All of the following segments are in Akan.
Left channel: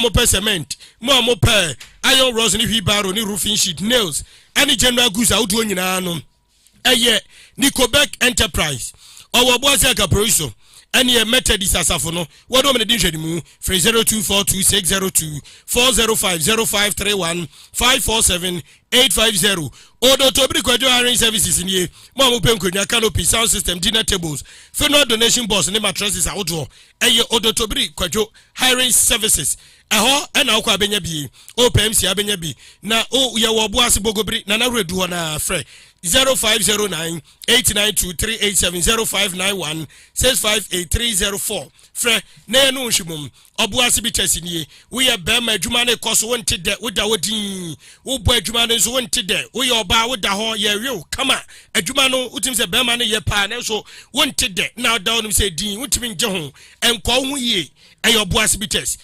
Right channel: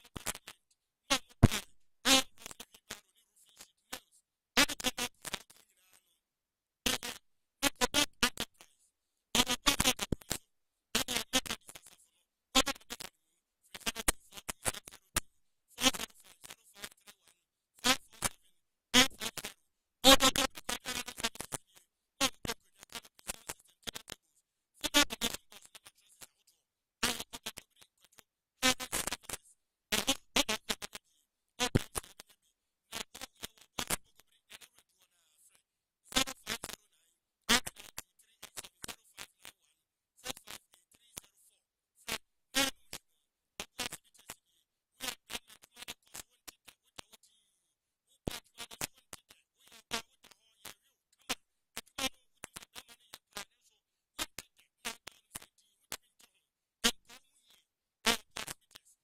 mo pɛ cement mo pɛ iron rods ni wheelbarrow ni roofing sheet nails any general goods out do nyina no eye Nicobek Enterprise or Boise Caproso any a method is asafo no what do me din hwedi mu 024260240531547850 odo to bi kwadwo hiring services nie mo mo penkonya canopy sound system dinner tables funeral donation box ne mattresses awodo eye odo to bi kwadwo hiring services eho na akwa benya bi opmc abenya bi na o ye wo boase bogobri na na redu ho na frɛ 0509-892-387 0591-658-304 frɛ na no nhwimum obuase bi tesini we ye bema adwuma ne koso wonte de woda wodin wo bo adwuma ne so wonte de wo ye oba woda ho ye rew kama adwuma no utim se bema ne ye pa na so wonte de na da wonum se din wotimi nje ho enko ho ye ayo boas bitters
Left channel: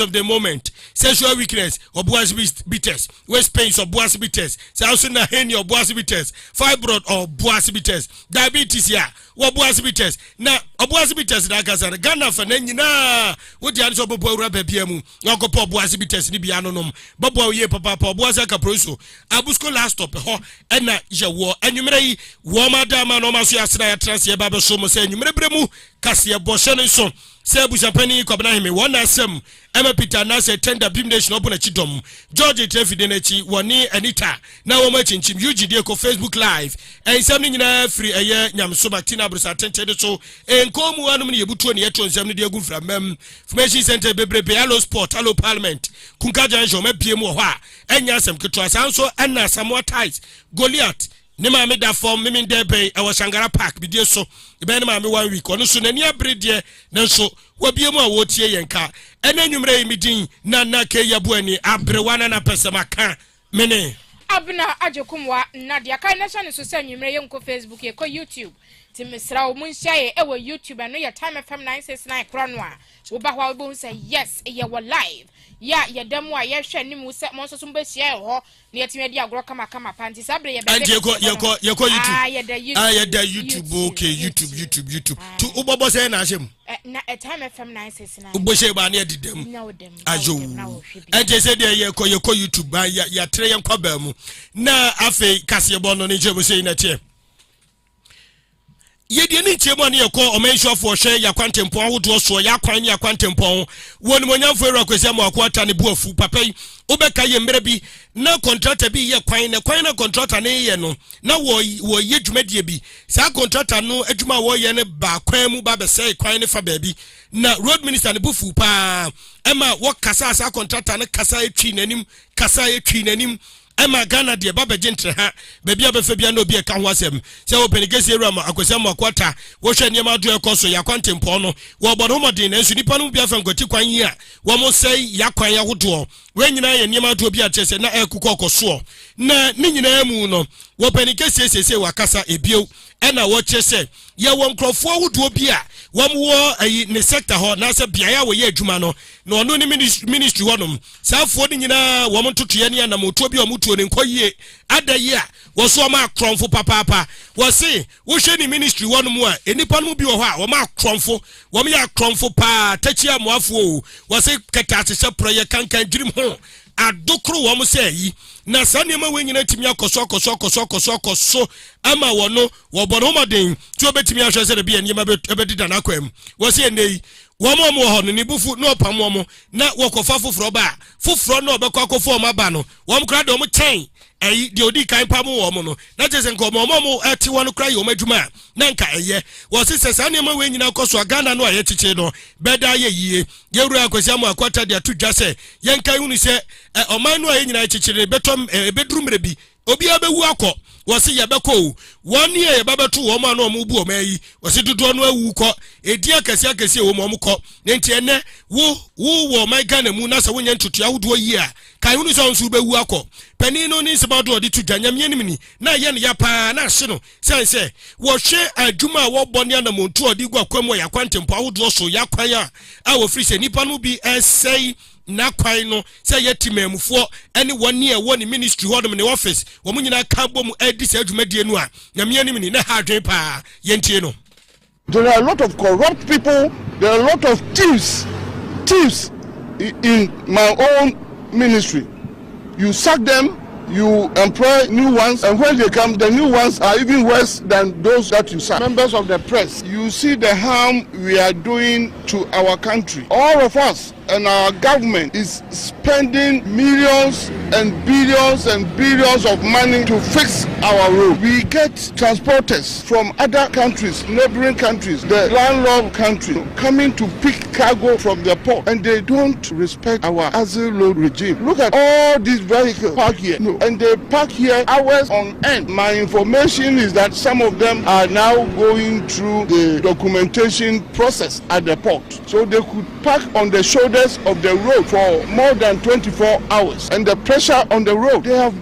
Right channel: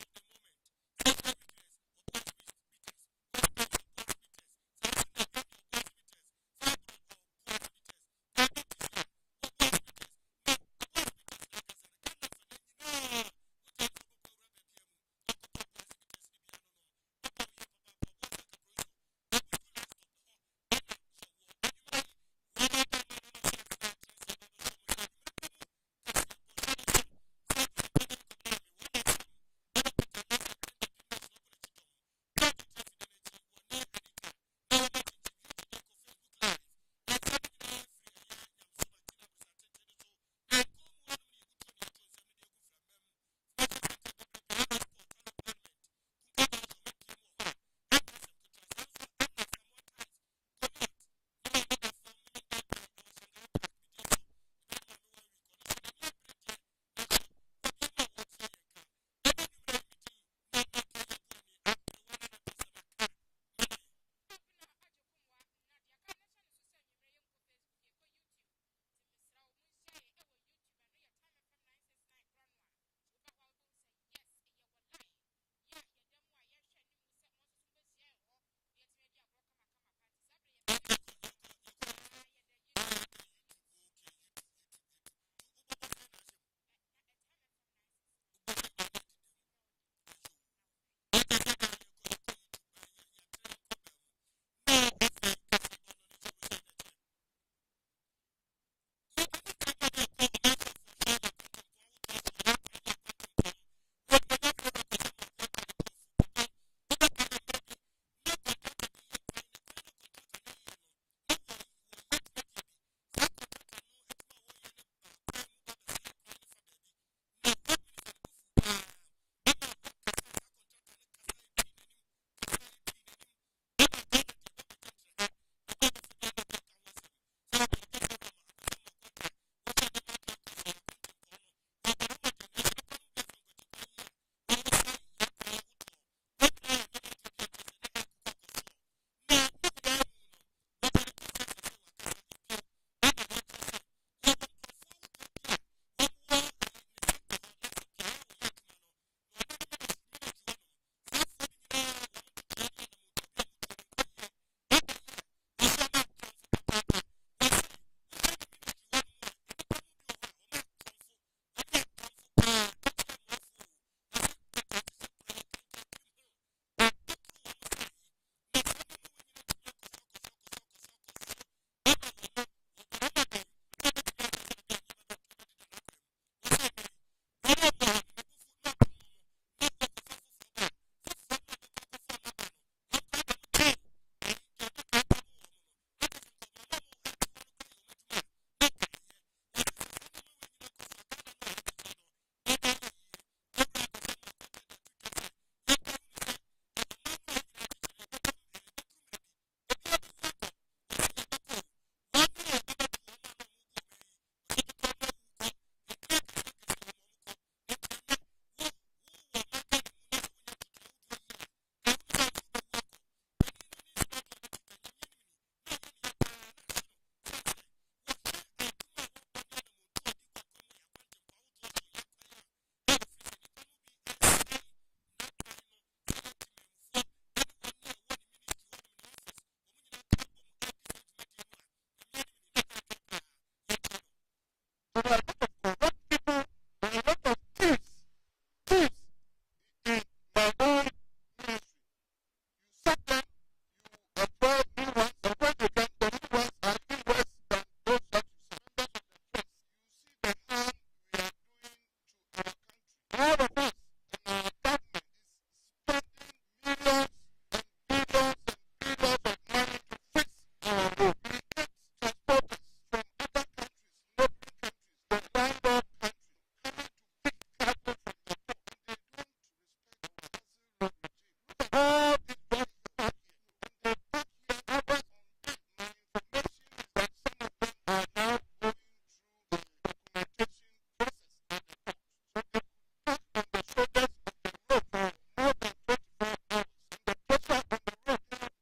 of the moment sexual weakness obuas bitters waist pains obuas bitters also na hernia obuas bitters fibroid or boas bitters diabetes ya obuas bitters na obuas bitters na gasa Ghana fa na nyina wodi ade so bobo awura babia mu yakopo obuas bitters ni bia nonom bobo ye papa obuas akaproso abusco last stop ho na je wo anwumere yi wo madama no maso ya sra ya transie ba be so mo se anwumere bremu Kasiebo hye so se busapani kwabna hime wona asem Emma Peter na se tender bim nation open chidom George Trefide na chi woni Anita na wo ma chinchim UGD ko Facebook live ensem ni nyina free eye nyamso Martina Bruce attention so enkomu anum ne yebutuo ne yeto nsem ne de agu framam information center bebrebe hello sport hello parliament kunka janjo ma biem wo ho a enya asem ketwa sanso enna Samuel ties Goliath ne ma me da form me debe e wo Shangara Park bi die so e be ne ma me 1 week ono so nani abrede na so wabiemu a wotie yenka ena nwumre yi midin na ke yabuani abrewana na pesemaka mene abna ajekumwa na dia kai na chane so se nwumre ye nko Facebook ye ko YouTube timisra o munhia ye ewo YouTube no ye Time FM 969 krono a wo ba hwa wo say yes ye wo live ya ye demo a ye hwe ni mu se mo so so mbehia ho na ye timi dia agro kama panti sabre ye be ye ko YouTube ye da YouTube okay YouTube to ubobo say na ashem na Time FM 969 uboshe ba na edidem ajo anje se de ye ko YouTube ba ya tre ye nkwa ba mu na afi Kasiebo no ne je bo say na tie yedi ni tiemo ne yekọ omenshofo hwe yakwantempo ahodo so yakwan ne yakwantempo woni monyamfo era kwesi amakwata ne buafu papai obeka ye mmerɛ bi na contractor bi ye kwan na contractor ne ye no na wo ye dwumadie bi sa contractor no adwuma wo ye ne ba kwan mu ba be sei kwan ne fa baabi na road minister ne bufu pa ema wo kasa sa contractor ne kasa etwi nanim Emma Ghana de baba gentre ha baby abefa bia na obi e ka ho asem se wo penigesi ewura akwasam akwata wo hwe niam ado ekoso yakwantempo no wo bodo modin na nsu nipa no bia fa ngoti kwan yi a wo mo sei yakwan ya hodo we nyina ye niam ado bi atese na ekuko okoso na ni nyina mu no wo penigesi esese wakasa ebio ena wo chese ye wo nkrofo hodo bi a wo mo ayi ne sector ho na se bia ya wo ye adwuma no na ono ni ministry wonom saafo ni nyina wo mo totoye ne na moto bi o moto ne nkoyie adaye a wo so ma akronfo papa wo se wo hwe ni ministry wonom a enipa no bi wo ho a wo ma akronfo wo me akronfo pa tachi amoafo wo se kata se proye kankan dwirim ho adokro wo mo se yi na sanema we nyina timi akoso ama wono wo bono maden ti obetimi ahwe se de bia nyema ebedida na kwam wo se nei wo mo ho no ni bufu no pamo mo na wo kofa foforo ba foforo no obekọ akofo mo ba no wo mo kra de mo chen eyi de odi kan pamo wo mo no na je se nko mo ati wo no kra ye o madwuma na nka eye wo se sanema we nyina koso Ghana no aye chiche no beda ye yie ye ru akwasi mo akwata de atudwa se ye nka hunu se oman no aye nyina chichire betom bedurumre bi obi abewu akọ wasi yabeko woni ye babeto wo ma no mu bu o mayi wasi dodo no awu kọ edi akasi wo mo kọ nti ene wo my Ghana mu na se wonya ntutu ahodo yi a kai hunu se nsu bewu akọ pani no ni se bado odi tudwa nyamye nimni na ye ne ya pa na hye no sense wo hwe adwuma wo bone na montu odi gwa kwam ya kwantempo ahodo so ya kwan a wo free se nipa no bi esei na kwai no say yetimemfo any 1 year one ministry hodom ne office wo munyina ka bom edi se adwumadie no a nyame anim ni na ha adwen pa yentie no. There are a lot of corrupt people, there are a lot of thieves in my own ministry. You sack them, you employ new ones, and when they come, the new ones are even worse than those that you sack. Members of the press, you see the harm we are doing to our country. All of us and our government is spending millions and billions of money to fix our road. We get transporters from other countries, neighboring countries, the landlocked country, coming to pick cargo from the port, and they don't respect our asset load regime. Look at all these vehicles parked here, and they park here hours on end. My information is that some of them are now going through the documentation process at the port, so they could park on the shoulders of the road for more than 24 hours. And the pressure on the road, they have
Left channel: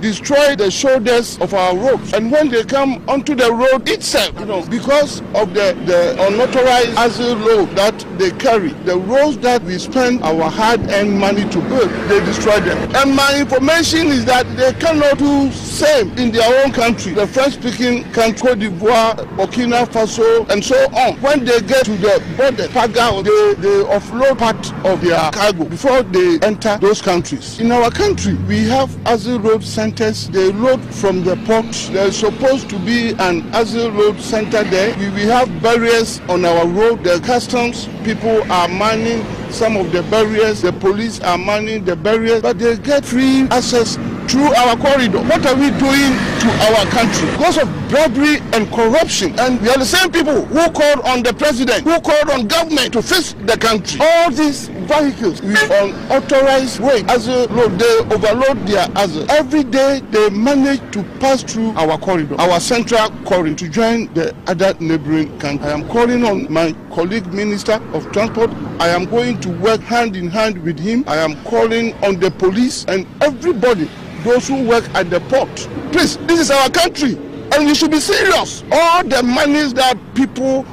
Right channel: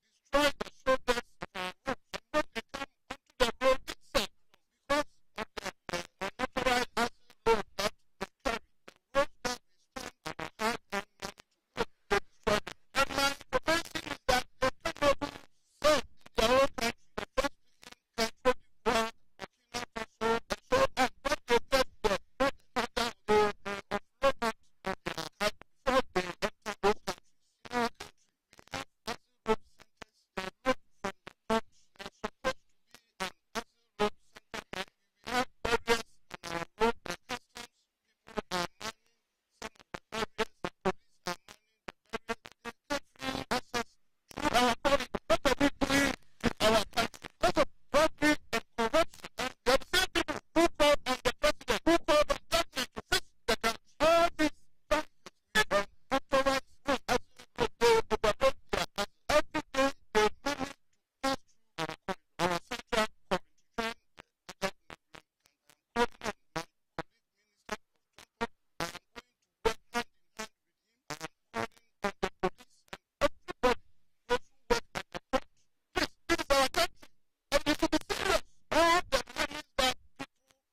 destroyed the shoulders of our roads. And when they come onto the road itself, because of the unauthorized asset load that they carry, the roads that we spend our hard-earned money to build, they destroy them. And my information is that they cannot do same in their own country, the French-speaking country, Cote d'Ivoire, Burkina Faso, and so on. When they get to the border, Paga, they offload part of their cargo before they enter those countries. In our country, we have asset load centers. They load from the port. There's supposed to be an asset load center there. We have barriers on our road. The customs people are manning some of the barriers. The police are manning the barriers, but they get free access through our corridor. What are we doing to our country? Because of bribery and corruption. And we are the same people who called on the president, who called on government to fix the country. All these vehicles with unauthorized weight, asset load, they overload their asset. Every day they manage to pass through our corridor, our central corridor, to join the other neighboring countries. I am calling on my colleague Minister of Transport. I am going to work hand in hand with him. I am calling on the police and everybody, those who work at the port. Please, this is our country and we should be serious. All the monies that people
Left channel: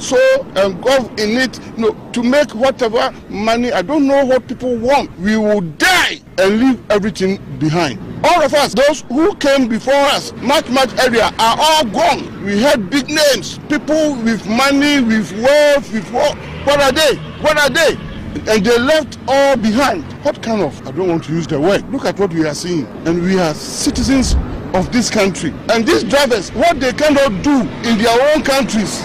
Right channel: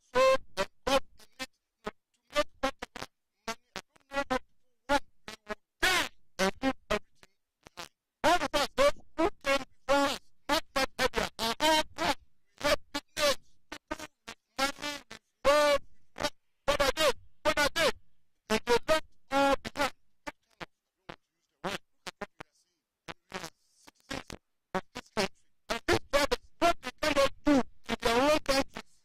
so engulfed in it, to make whatever money, I don't know what people want. We will die and leave everything behind. All of us, those who came before us, much area, are all gone. We had big names, people with money, with wealth, with what are they? What are they? And they left all behind. What kind of, I don't want to use the word, look at what we are seeing. And we are citizens of this country. And these drivers, what they cannot do in their own countries,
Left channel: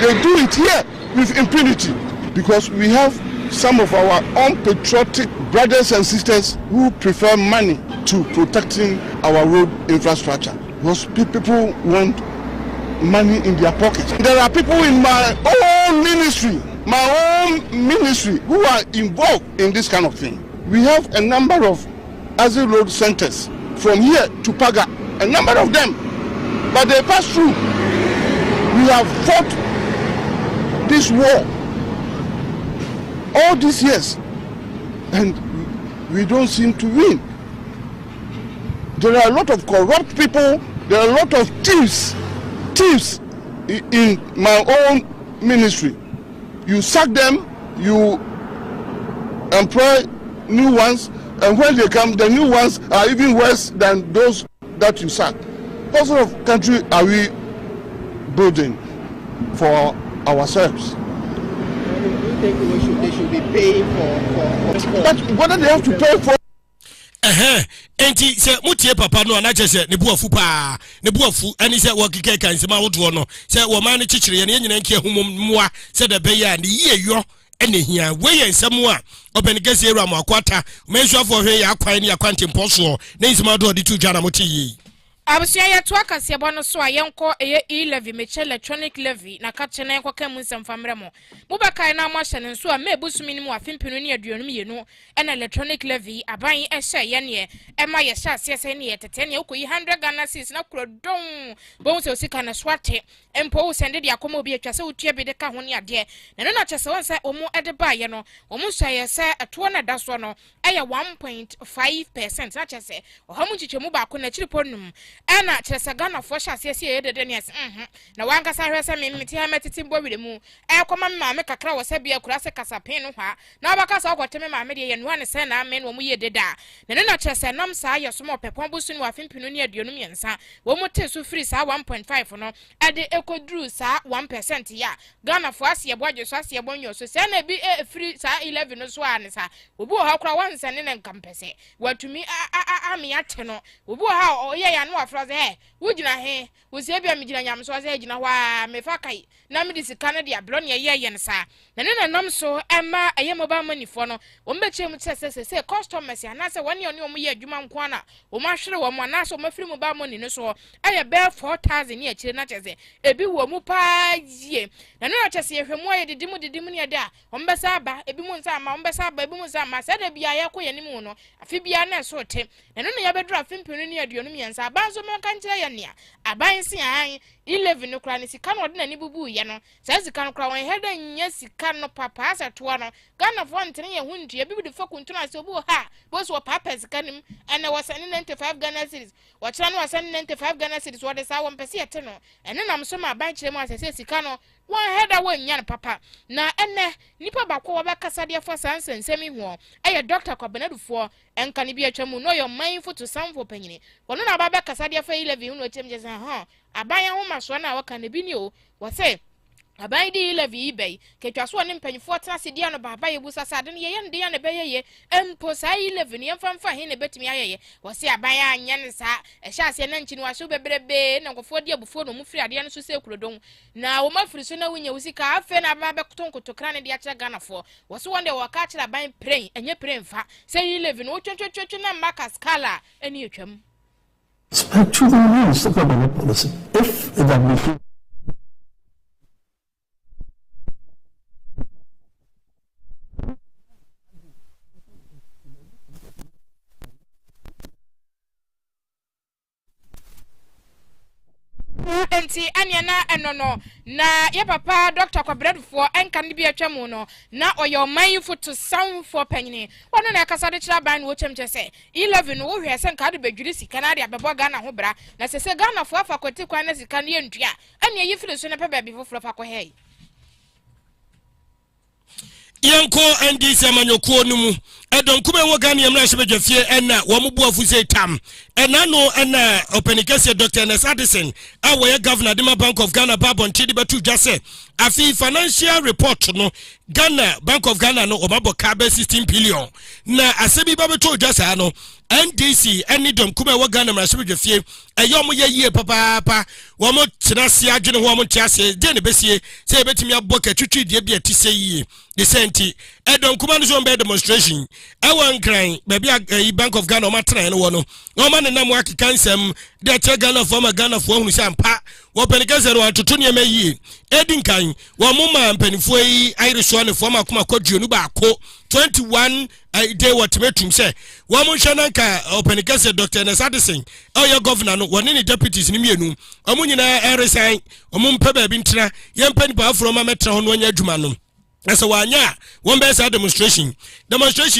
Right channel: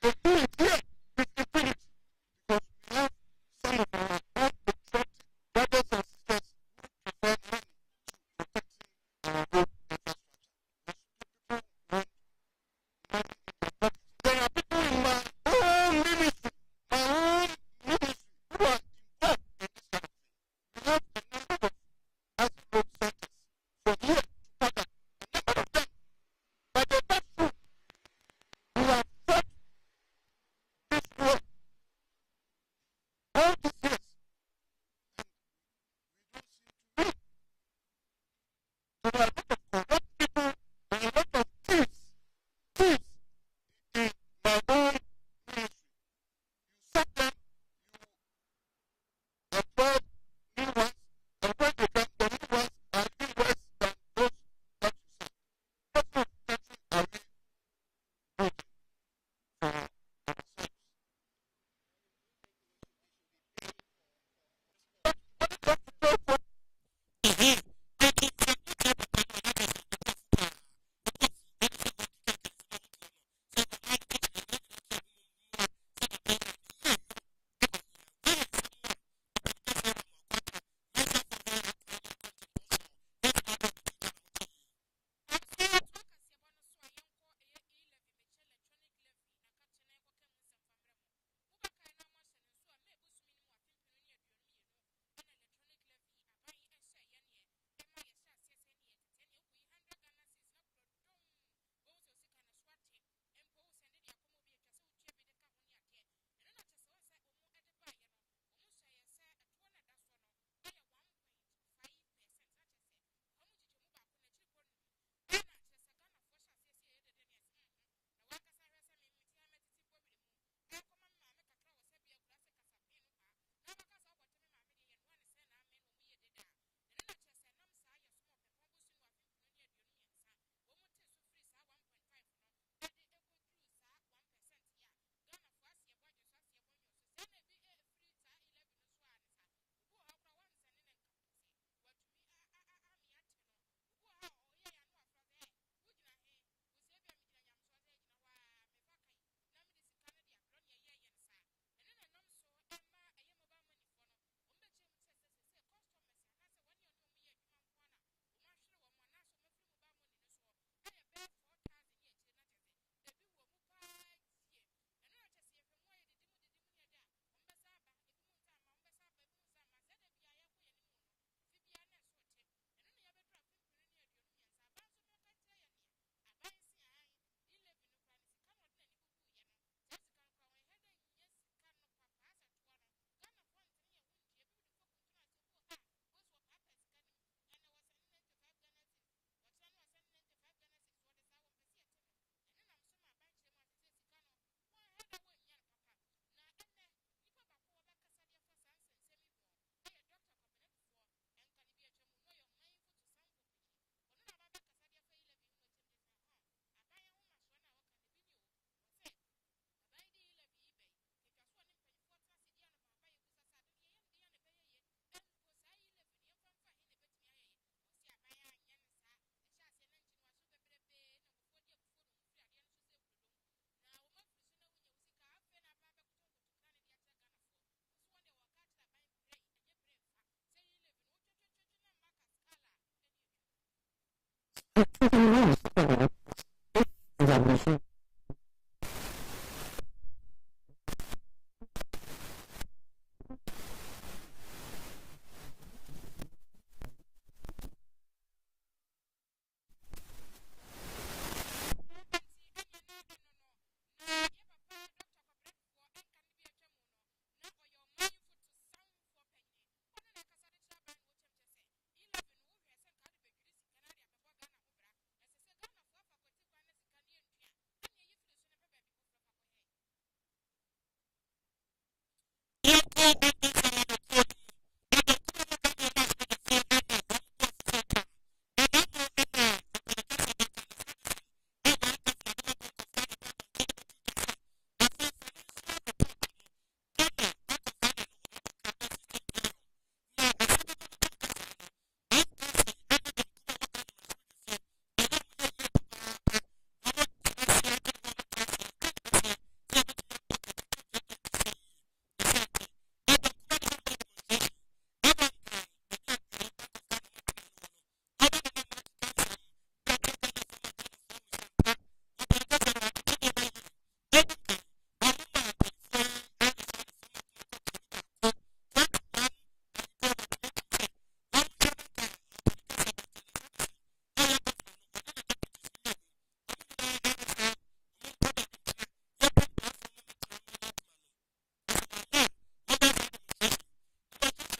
they do it here with impunity. Because we have some of our unpatriotic brothers and sisters who prefer money to protecting our road infrastructure. Because people want money in their pockets. There are people in my own ministry who are involved in this kind of thing. We have a number of asset load centers from here to Paga, a number of them, but they pass through. We have fought this war all these years and we don't seem to win. There are a lot of corrupt people, there are a lot of thieves in my own ministry. You sack them, you employ new ones, and when they come, the new ones are even worse than those that you sack. What sort of country are we building for ourselves? Think they should be paying for But what do they have to pay for? Enti se mutie papa no anache se ne buafu pa ne buafu ani se wo keke kan se ma wodo no se wo ma ne chichire ye ne nyina nkia hummoa se da be ya ne yeyo ene hia we ye nsam a obenigese eru amakwata mensuafo hwe ya kwan ne akwante mposo ne nsima do de tu dwana motiyi abusia ya to Kasiebo no so ayenko eye e-levy meche electronic levy na ka chene enko ka munsem famre mo mubakai na mo hyene so a mebusumi ni mu afimpinu ne aduonum yenu ena electronic levy aban ehye ye ne ema ye hye asese ne ye tete ne okoyi 100 Ghana cedis na krodon bon se osika na swate empo wo sende de akoma obi atwase wotua bi de ka ho ne ade na no na kyese won se omo ede ba ye no omo hye se eto na da so no eye 1.5% na kyese ohamu chichemu ba ko na chiriponum ena kyerese Ghana fo hya ase ye dede ne ase na wanka sa hwese me meti ha metiti mbo wire mu koma me me kakra wo se bia kura se kasapen no hwa na obaka sa okoteme ma me de ye no ne se na me no mu ye deda na ne na kyerese nam sa ye so mo pepon busu no afimpinu ne aduonu miensa wo mo te so free sa 1.5 no ade ekodru sa 1% ya Ghana fo ase ye boje so ase ye bonyo so se na bi free sa 11 no so ane sa obi o ha kura wanse ne nkampese watumi ami ate no obi o ha o ye ya no afra ze wugina he wosie bia me gina nyam so ze gina wa me fa kai na me disika ne dia blo ne ye nsa na ne nam so ema eye mobile money fo no wo mbeche mu se customers ya na se woni oni omu ye adwuma nko na wo mahwere wo mo na so mafiri mobile money no so aye be 4000 ne akire na cheze ebi wo mu pa yie na ne chese ye hwemu ye didimu ne da wo mbesa aba ebi mu nsa ama wo mbesa aba ebi mu nsa ama se da bia ye ko ye nimu no afi bia na so te na ne ya bedru afimpinu ne aduonu miensa abanzo me kan kire ye nea aban si an 11 no kra ne sika no de na ni bubu ye no sa sika no kra won heda nya sika no papa asato no Ghana fo ntene ye hundu ye bibi de fa kuntu na se obu ha bo so papa sika nim ene wasane 95 Ghana cedis wachira no wasane 95 Ghana cedis wo de sa won pese yete no ene nam so ma aban kire mu asese sika no won heda won nya no papa na ene nipa bakwo wo be kasa de fo sansensemi ho eye Dr. Kwabenadufo enka ni bi atwamu no your mindful to some for panyini wono na ba be kasa de fa 11 no chem jesa ha aban ya ho maso na waka na bi ni o wo se aban di 11 ibei ketwaso ne mpanyifo trase dia no baba yebusa sa de ne ye nde ya ne beyeye empo sa 11 ye mfamfa he ne betumi ayeye wo se aban ya anya ne sa ehya ase na nchi ni waso bebrebe na nkofo di abufo no mu firi ade no so se kurodon na wo mafiri so na wunya usika afe na ba be kotonkoto kra ne dia kira Ghana fo wo so wonde wo ka kira aban pray enye pray mfa se 11 wo twetwetwe na maka skala eni etwam. Speak to the means the government policy. If the WP enti anya na enono na ye papa Dr. Kwabenadufo enka ne bi atwamu no na oyo mindful to sound for panyini wono na kasa de kira ban wo chemche se 11 wo hwe se nka de badwiri sika na de abebo Ghana ho bra na se Ghana fo afa kwati kwan na sika ne ntua anya yi firi so na pe ba bi foforo fa ko hei yanko NDC amanyoko no mu edon kuma wo Ghana yemra hwebedwafie ena wo mubu afuze tam ena no ena openikese Dr. Nes Addison awoye governor Dima Bank of Ghana babon tidi betu jase afi financial report no Ghana Bank of Ghana no omabo ka be 16 billion na asebi ba betu jase no NDC eni dom kuma wo Ghana mra hwebedwafie eyom ye yie papa wo mo tenase adwene ho mo tiase de ne besie se betimi aboka twitwi de bia ti seyie the senti edon kuma no so be demonstration ewan kran baby Bank of Ghana o matra no no o ma ne nam akika nsem de che Ghana for hunu sampa wo penikase no atoto ne mayie edinkan wo mo ma mpanifo yi ayreso ne fo ma kuma kwaduonu ba ko 21 day what metum say wo mo hwe nanka openikase Dr. Nes Addison oya governor no woni ne deputies ni mienu omo nyina resign omo mpa ba bi ntra ye mpani ba afro ma metra ho no anya adwuma no esa wanya won be sa demonstration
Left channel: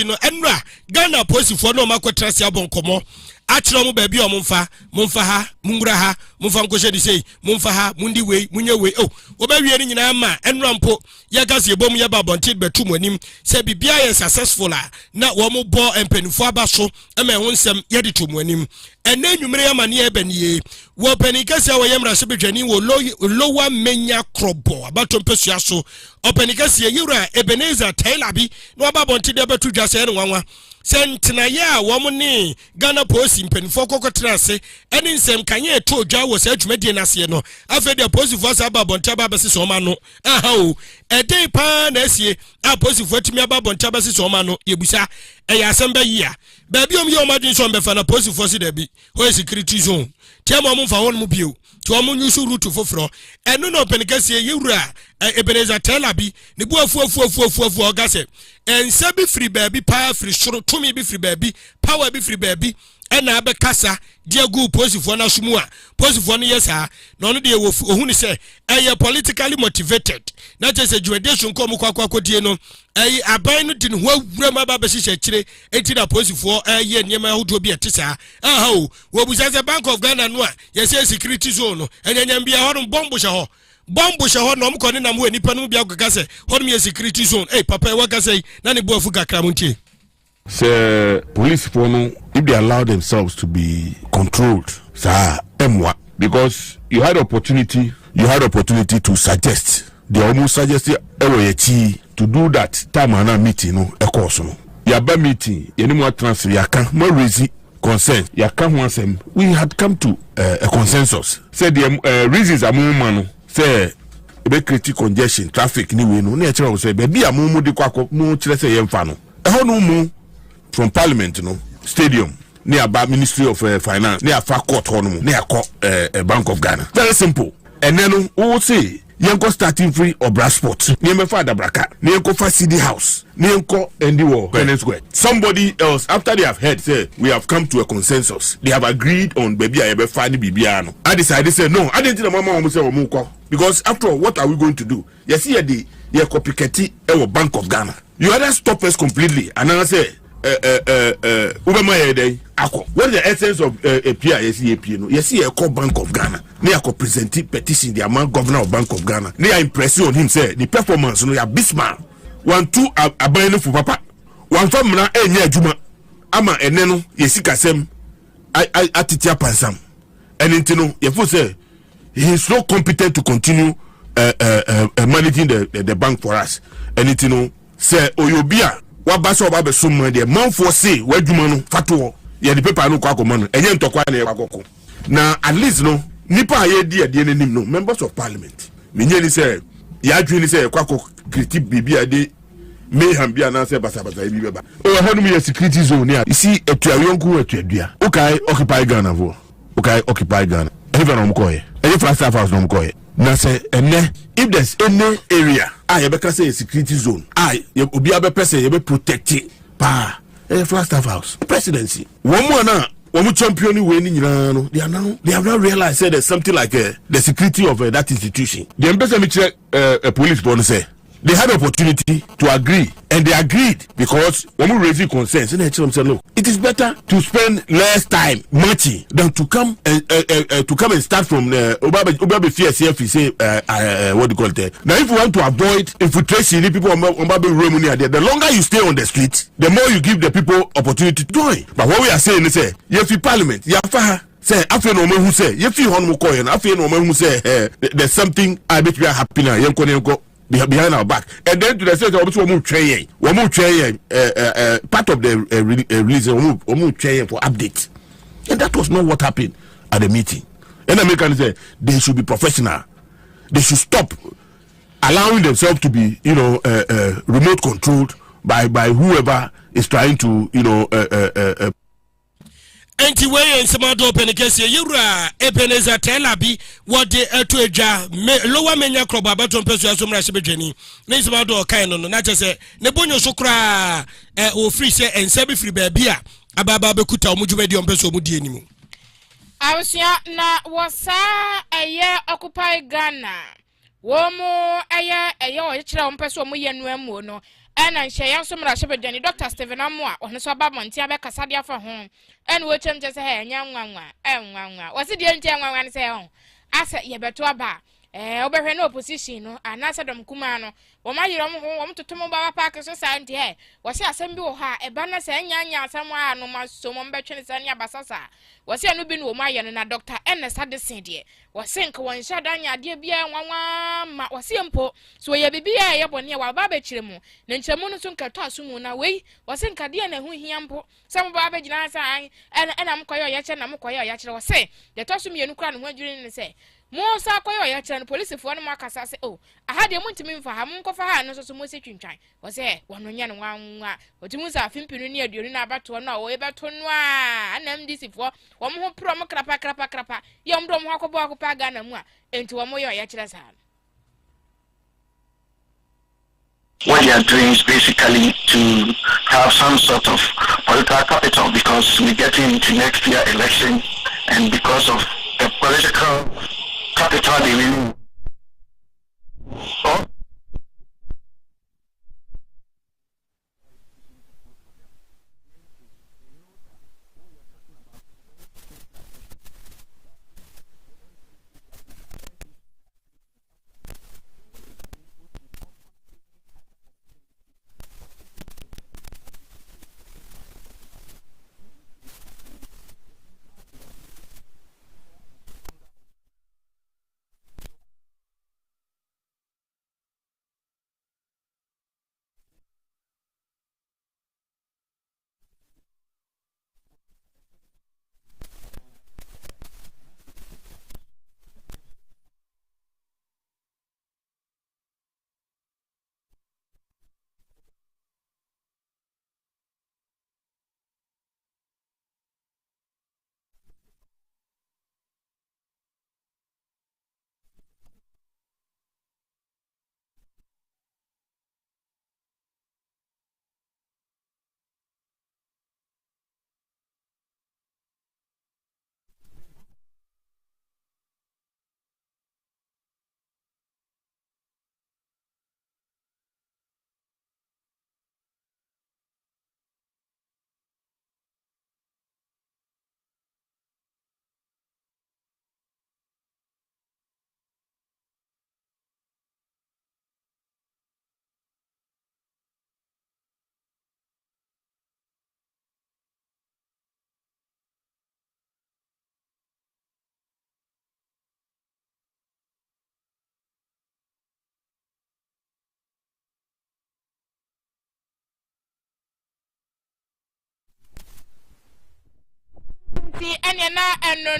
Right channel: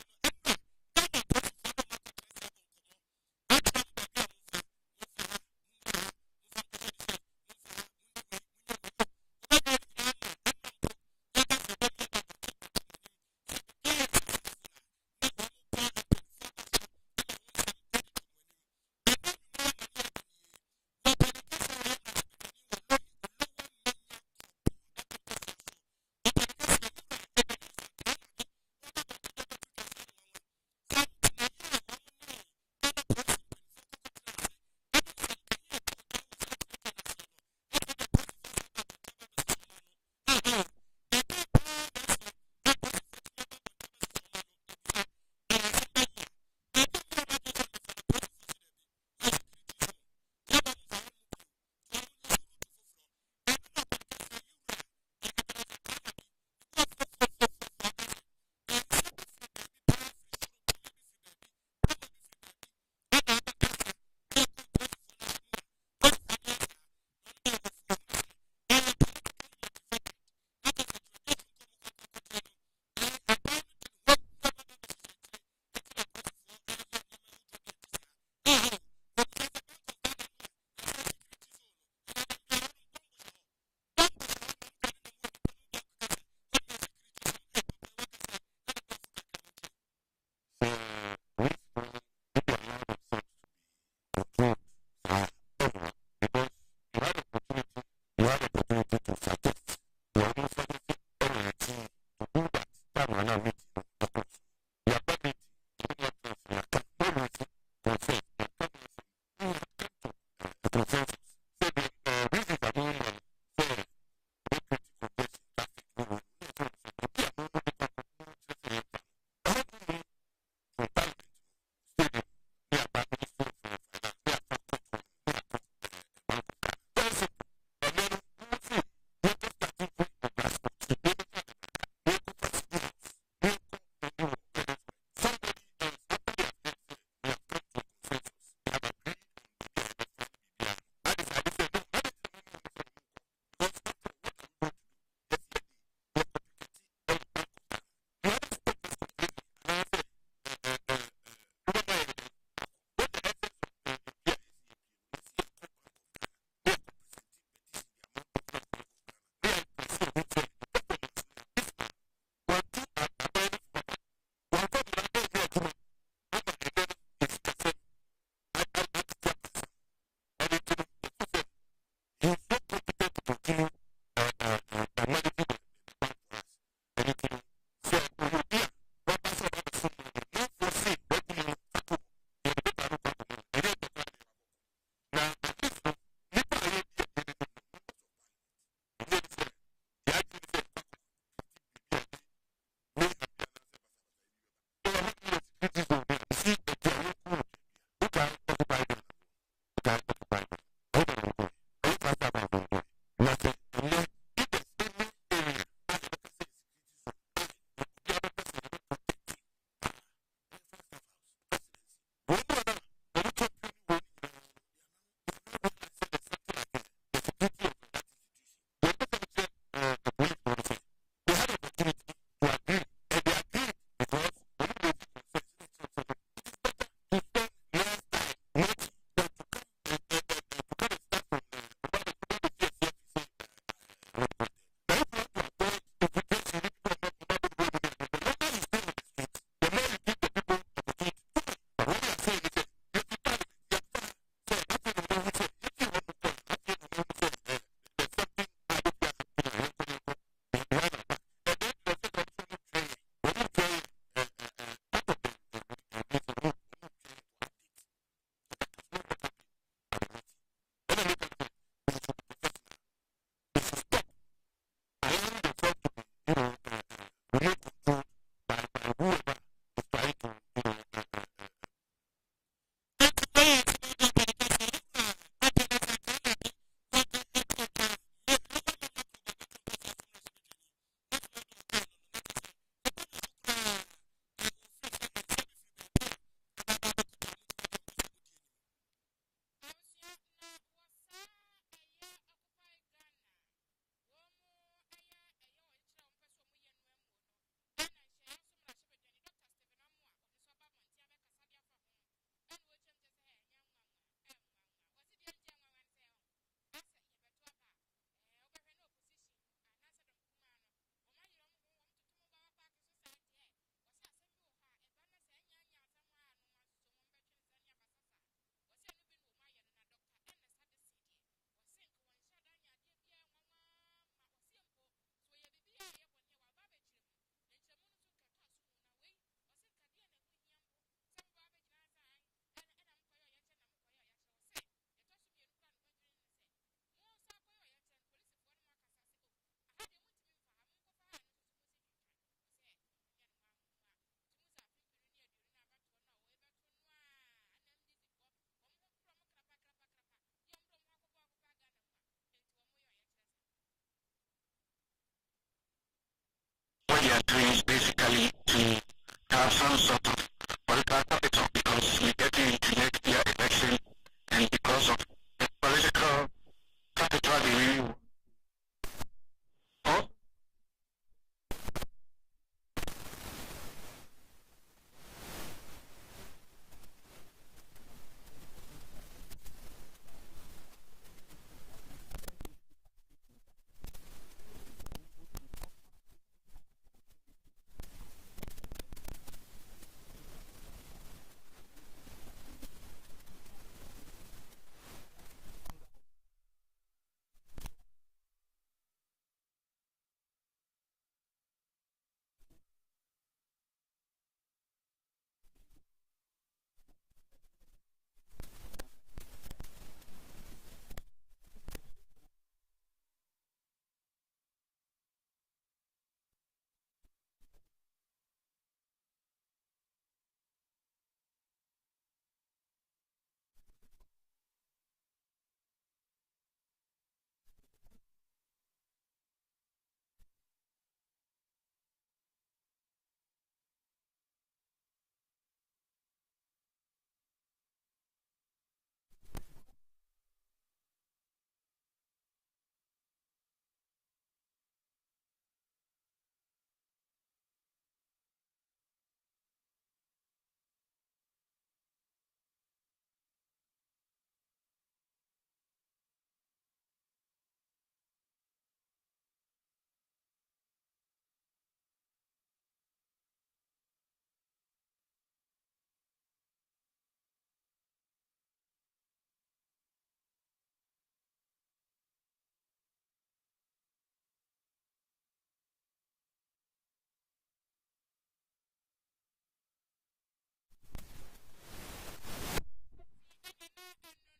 no enra Ghana police for no makotra sia bonkomo achiro mu ba bi o mumfa ha mungura ha mumfa nkoshe di sei mumfa ha mundi wei munye wei oh obawie ni nyina ma enra mpo ya Kasiebo mu ya ba bonted betum anim se bibia ye successful na wo mo bo empanifo abaso ema ho nsem ye de tum anim ene nwumere ya mane ebanie wo panikase wo yemra se bedwani wo lowa menya krobo abatompesia so opanikase yura Ebenezer Taylor bi no aba bonted betu dwase ne nwanwa sentina ya wo mo ne Ghana police mpanifo kokotrase ene nsem kanye to dwa wo sa adwumadie nase no afede police force aba bonta ba bese so ma no aha o ede pa na asie a police force timi aba bonta ba bese so ma no yebusa eya asem ba yia baby om ye o madin so mbefa na police force da bi ho security zone tiamo mo mfa won mu bio ti o mo nyusu route foforo eno no penikase yewura Ebenezer Taylor bi ne bu afu ogase ense bi free baby power free shoro tumi bi free baby power bi free baby ɛna abɛkasa dia gu posifoɔ na sumu a posifoɔ no yesa na ɔno de ohunu sɛ ɛyɛ politically motivated na kyerɛ sɛ jurisdiction kɔ mu kwakwakodie no ɛyi aban no de ne ho awura ma ba bɛhyehyɛ kyire enti na posifoɔ ɛyɛ nneɛma ahodoɔ bi ɛte saa aha o wɔbusa sɛ Bank of Ghana no a yɛsɛ security zone no ɛnyanyam bia hɔ no bombo hyɛ hɔ na ɔmkɔ ne nam hɔ nipa no bia kɔka sɛ hɔ no yɛ security zone papa ɛwɔ ka sɛ na ne boafu kakra mu ntie. Say police for no, if they allow themselves to be controlled, sir, because you had opportunity to suggest. They almost suggested to do that time and meeting no a course no. Yaba meeting, any more transfer, Akan, more reason consent. Akan wants them. We had come to a consensus. Said the reasons are more man. Say ebe create congestion, traffic ni we no. Nature say baby amumu di kwako no chire say yemfa no. Ehon no mu from Parliament, stadium near Ministry of Finance, near Far Court, near Bank of Ghana. Very simple. And then who will say, Yanko starting free or brass sport, near my father Braka, near Kofa City House, near Ko and the war, somebody else, after they have heard, say, we have come to a consensus. They have agreed on baby, I ever find Bibiano. I decided, say, no, I didn't tell my mom, say, because after all, what are we going to do? Yes, here the copycat or Bank of Ghana. You either stop us completely, and I say, what the essence of a PISAP? No, you see a core Bank of Ghana. They are presenting petition the amount governor of Bank of Ghana. They are impressing on him. Say the performance. No, you are Bismarck. 1 2 are buying for papa. 1 family na enye juma. Ama eneno yesika sem. I atitia pansam. And intino you say he is not competent to continue managing the bank for us. And intino say oyobia. Wabaso babe summa de man for say wadwuma no fato ye the paper no kwa akoma no enye ntokwa na yakoko na at least no nipa ye di ade nanim no members of parliament menye ni say ya dwini say kwa critique bibi ade mayhem bia na say basa bi beba o hanu ye security zone ya isi etuayonku etuadua okay occupy Ghana vo okay occupy Ghana even on mkoye any flash house no mkoye na say ene if there's any area you better say a security zone obi abepese you be protected pa Flagstaff House presidency one more na one champion we ni nyina no they have now realized say there's something like the security of that institution the embassy me a police bonus say they had opportunity to agree and they agreed because when we raise concerns and they tell them look it is better to spend less time marching than to come and start from obabe fear say what do you call it now if you want to avoid infiltration people obabe room near there the longer you stay on the street the more you give the people opportunity to join but what we are saying is say if parliament yafa say after no man who say if you hon mo koy na after no man who say there's something I bet we are happy now yenko behind our back and then to the state of part of the release for update and that was not what happened at the meeting and Americans say they should be professional they should stop allowing themselves to be remote controlled by whoever is trying to enti wey ensemado open case yura Ebenezer Telabi what the etoja lower menya kroba abaton peso asomra sebedwani na ensemado kan no na chese ne bonyo so kra o free say ense be free baabi a ababa bekuta omudwumadi ompeso omudi enimu awsia na wasa eye occupy Ghana womo eye o kire ompeso omoye nuamu no ena nhye asomra sebedwani Dr. Stephen Amwa ono so bamonti abekasa de afa ho and we change say hey nyanwanwa wasi die ntia nwanwa ne say ho asa ye beto aba obehwe na opposition no anasa dom kuma no wo mayiro mo ho wo totomo ba park so sa nti he wasi asem bi wo ha eba na say nyanya asem a no maso mo betwe ne sane abasasa wasi anu bi no wo maye no na Dr. Ernest Adesin de wasi nka won hya danya de bia nwanwa ma wasi empo so ye bibia ye bone wa ba be kire mu ne nkyemu no so nka to asomu na wei wasi nka de na hu hia mpo some ba be gina sa ena mkoyo ya kire na mkoyo ya kire wasi de to asum ye nu kra no ho adwiri ne say mo sa koyo ya kire no police fo no makasa say oh aha de muntimi mfa ha munkofa ha no so mo se twintwan wasi wono nya no nwanwa otimu sa afimpinu ne aduonu na abato no wo ebeto no a anam disifo wo mo ho pro mo krapa ye omdo mo akobo akopa Ghana mu a enti wo mo yo ya kire sa. What they are doing is basically to have some sort of political capital because we're getting into next year election, and because of the political capital they really. So,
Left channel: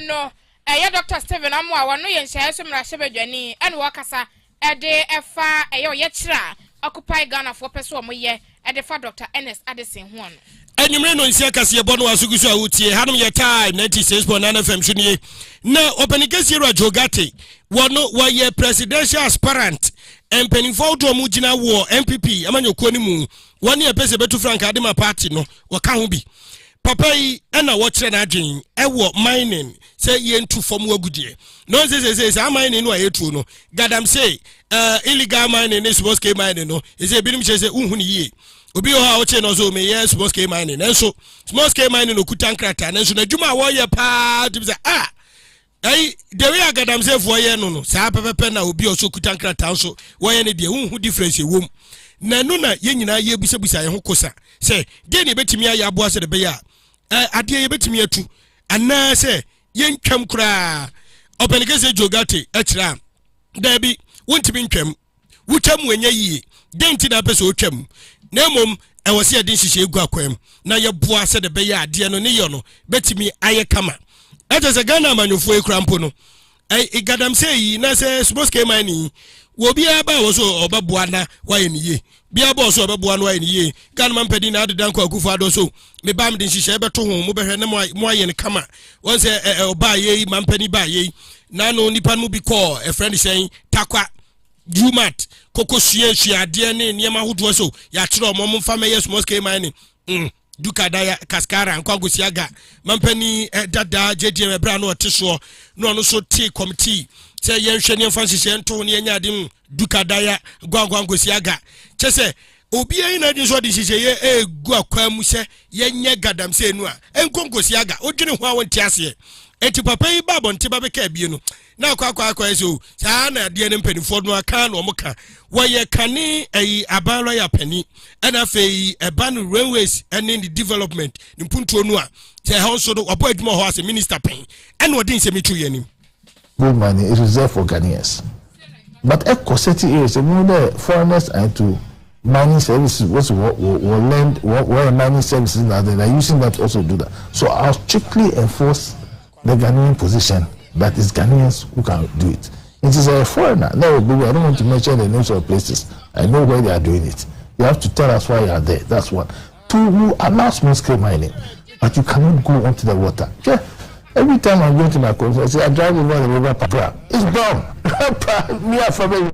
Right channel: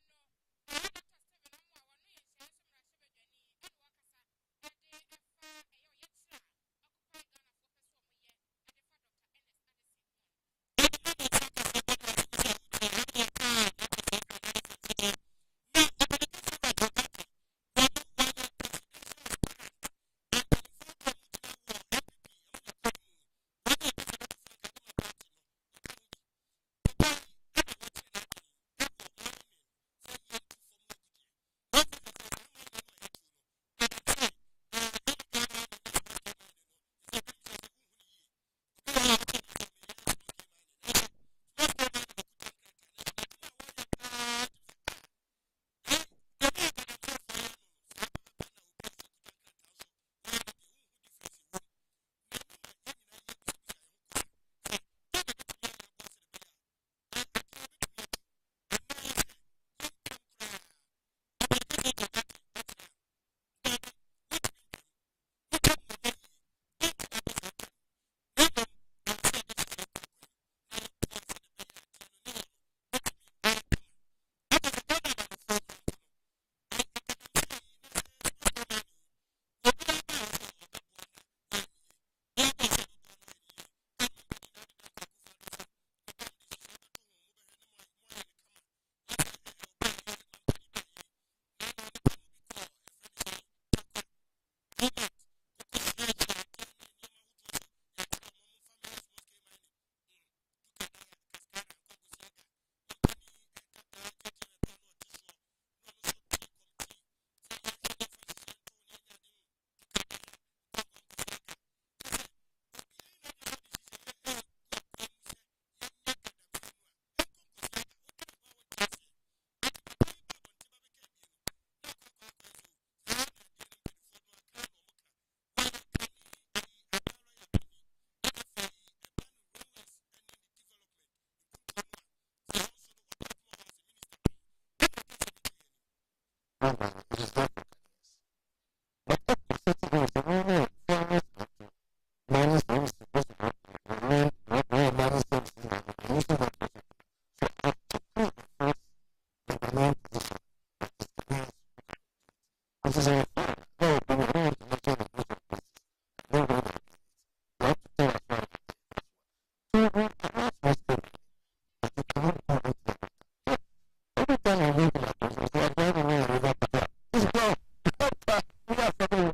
no. Dr. Steven Amwa, one no yen share some Rashabani, and Wakasa, a day efa yechra, occupy Ghana for person ye, at the fa Dr. Ernest Addison one. And you may know in Kasiebo was Sugusa Uti, Hanum your time, 96.9 FM Shuni. Now, open against your Jogate, one no why presidential aspirant, and penning for to Mujina war, MPP, Amanyo Konimu, 1 year pese betu Frank Adima party no, Wakambi. Papa yi na watch na adwen ewo mining say yen to form wagudie no say mining no ayetu no gadam say illegal mining is small scale mining no is a binim say unhu ni ye obi o ha o che no so me yes small scale mining enso small scale mining no kutan krata enso na dwuma wo ye pa tim say the way gadam say for ye no sa pepepe na obi o so kutan krata so wo ye ne de unhu difference e wom na no na ye nyina ye busabusa ye ho kosa say de ne betimi ya abo ase de be ya ade ye betimi atu ana say yen twam kura openigese jogate ekira da bi wontimi ntwam wutwam wenye yi denti na pese otwam na mom e wose ye din hihye egu akwam na ye bo ase de be ya ade no ne ye no betimi aye kama etese Ghana manyofo ekura mpo no igadam say yi na say small scale mining wo bia ba wo so obaboa na wa ye niye bia bo so obaboa na wa ye niye Ghana man pedi na adedan kwa kufu ado so me bam din hihye beto ho mo behwe ne mo aye ne kama won say oba ye man pani ba ye na no nipa no bi call a friend saying takwa jumat kokosue ade ne niam ahodo so ya kire o mo mfa me yes small scale mining duka daya kaskara nkwagosiaga mampani dada JDM bra no oteso no no so tea committee say yenhwe ne mfa hihye nto ne nya ade duka daya gwangwangosiaga chese obi ayi na din so de hihye ye egu akwam se yenye gadam se nu a enkongosiaga odwene ho awon tiase enti papa yi babo nte babeka bie no na kwa so saa na de ne mpanifo no aka na omuka woye kane ayi abanlo ya pani na fei eban railways and in the development ni puntuo no a say how so do obo adwuma ho as minister pen and odin se metu yanim gold mining is reserved for Ghanaians, but eco-city areas the foreigners and to mining services will lend where mining services now they are using that to also do that. So I'll strictly enforce the Ghanaian position that is Ghanaians who can do it. It is a foreigner. No, baby, I don't want to mention the names of places. I know where they are doing it. You have to tell us why you are there. That's one. Two, you allow small scale mining, but you cannot go onto the water. Yeah. Every time I'm going to my conference, I say I drive over the river Papua. It's brown. Me and family.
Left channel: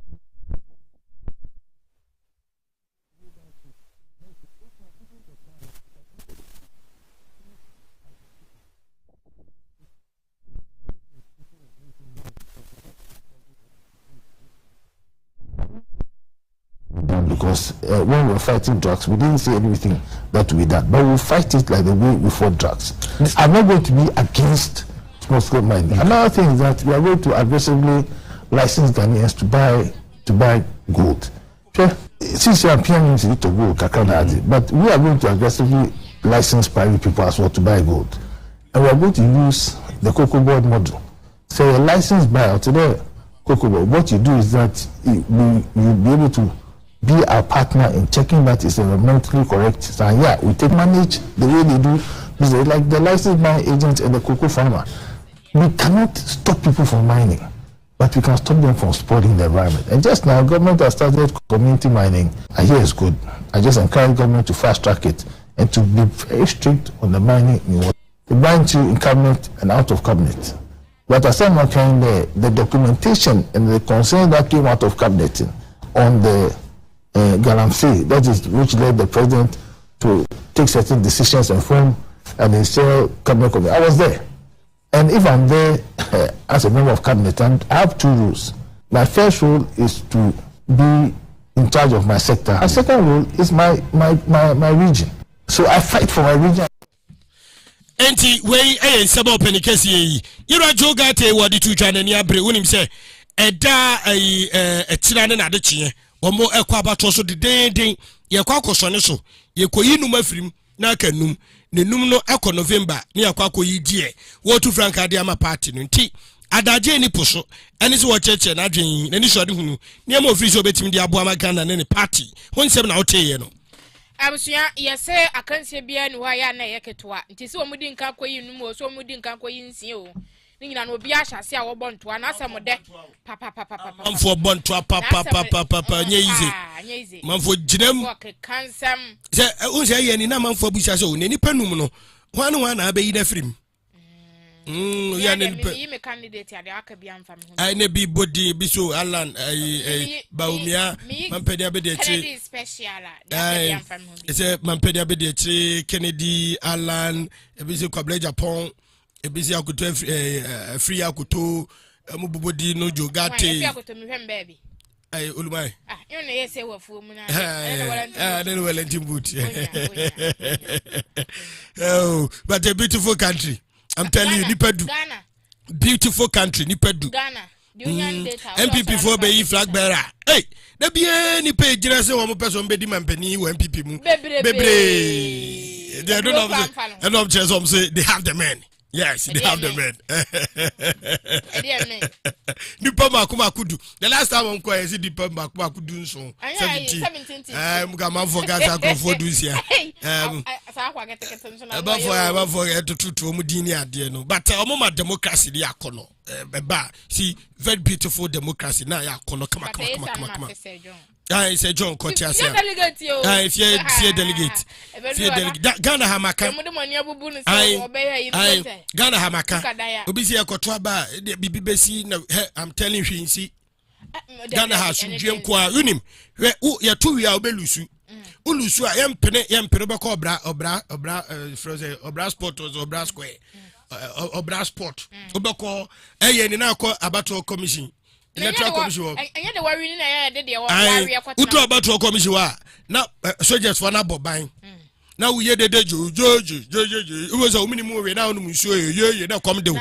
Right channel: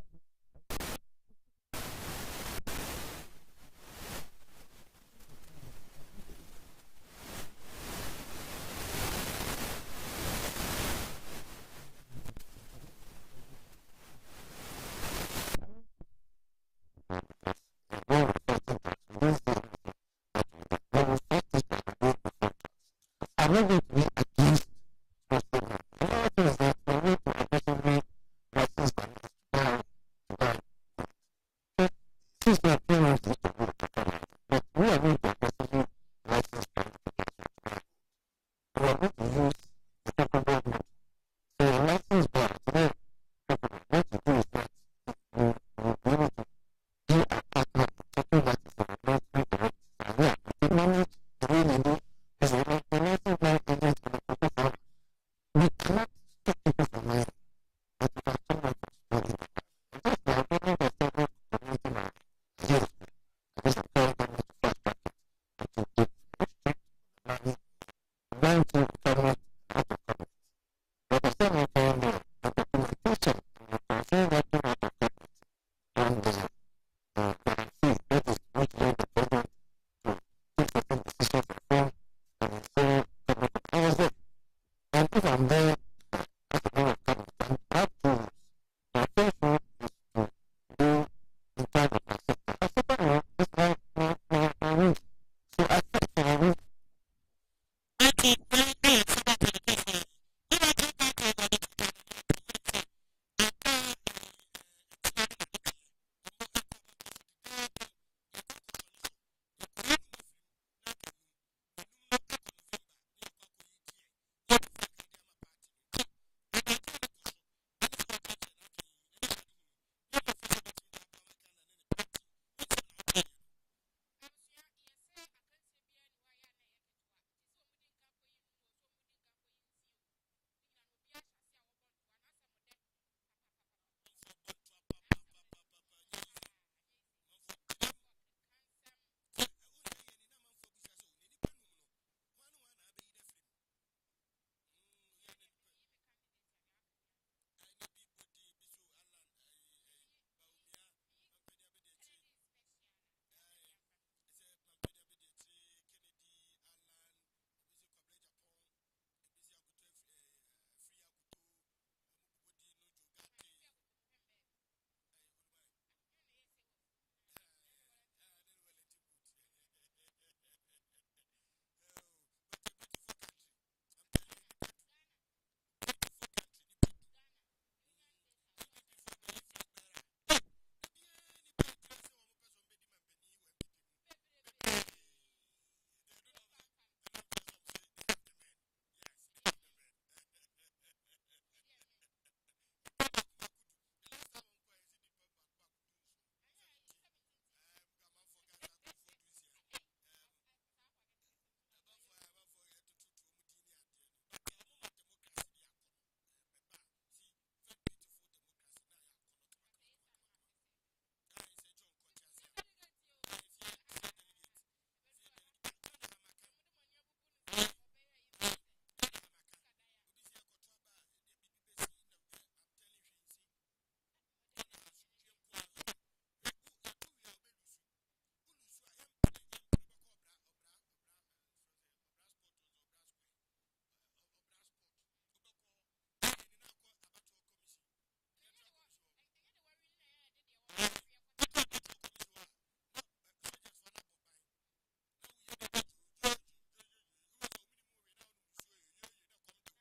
because when we were fighting drugs, we didn't say anything that we done, but we'll fight it like the way we fought drugs. I'm not going to be against small-scale mining. Another thing is that we are going to aggressively license Ghanaians to buy gold. Okay? Since you are PMC to gold, but we are going to aggressively license private people as well to buy gold. And we are going to use the cocoa board model. So a license buyer today, cocoa board, what you do is that you'll be able to be our partner in checking that it's environmentally correct. So yeah, we take manage the way they do business, like the license buying agent and the cocoa farmer. We cannot stop people from mining, but we can stop them from spoiling the environment. And just now, government has started community mining. I hear it's good. I just encourage government to fast track it and to be very strict on the mining in water. They bind you in cabinet and out of cabinet. But as I'm saying, the documentation and the concern that came out of cabinet on the Galamsey, that is which led the president to take certain decisions and form an initial cabinet committee. I was there. And if I'm there as a member of cabinet, I have two rules. My first rule is to be in charge of my sector. My second rule is my region. So I fight for my region. Enti wey sabo penikesi yi ira jogate wadi tu twa nani abre wonim se eda etira ne na de kye omo ekwa abato so dedenden ye kwa akosone so ye koyi num afirim na kanum ne num no ekọ November ne yakwa akoyi die wo tu franka de ama party no nti adaje ni poso eni so wo cheche na dwen na ni so de hunu ne ma ofiri so betimi de abo ama Ghana ne party wonsem na woteye no Abusuya yese akansie bia ni wa ya na yeketoa nti se omudi nka koyi num o so omudi nka koyi nsie o ni nyina no obi ahase a wo bontoa na asem de papa manfo bontoa papa nyeize manfo ginam kansam se unse ye ni na manfo abusia so ne nipa num no hwan na abeyi na firim ya ne me candidate ya de aka bia mfa me ai ne bi body bi so Alan Baumia mampedi abede Kennedy special ya mfa me se mampedi abede Kennedy Alan ebisi kwable Japan ebisi akoto free akoto mu bobodi no jogate free akoto mi hwem baby ai olumai you know yes we fu mu na no Wellington boot oh but a beautiful country. I'm telling you, Nipedu. Ghana. Beautiful country, Nipedu. Ghana. MPP for be flag bearer. Hey, there be any page say one person be the man penny MPP mu. Bebre. They don't have and of just say they have the men. Yes, they have the men. Nipa makuma kudu. The last time I'm going to see Nipa makuma kudu so 17. I'm gonna forget that for this year. About for to mudini ade no. But my democracy dey akono. Beba see very beautiful democracy na ya akono come. I say John Kotiasia. If you delegate. Ghana Hamaka. Ghana Hamaka. Obisi akoto ba bibi besi na I'm telling you see. Ghana has dream kwa unim. We ya tu ya obelusu. Ulusu a yempene be ko obra sport or obra square. Obra sport. Obeko eye ni na ko abato commission. Electoral commission. Enye de worry na ya de de worry akwata. Utu abato commission wa na soldiers for na boban. Na we de jo. It was a minimum we now no show ye na come de.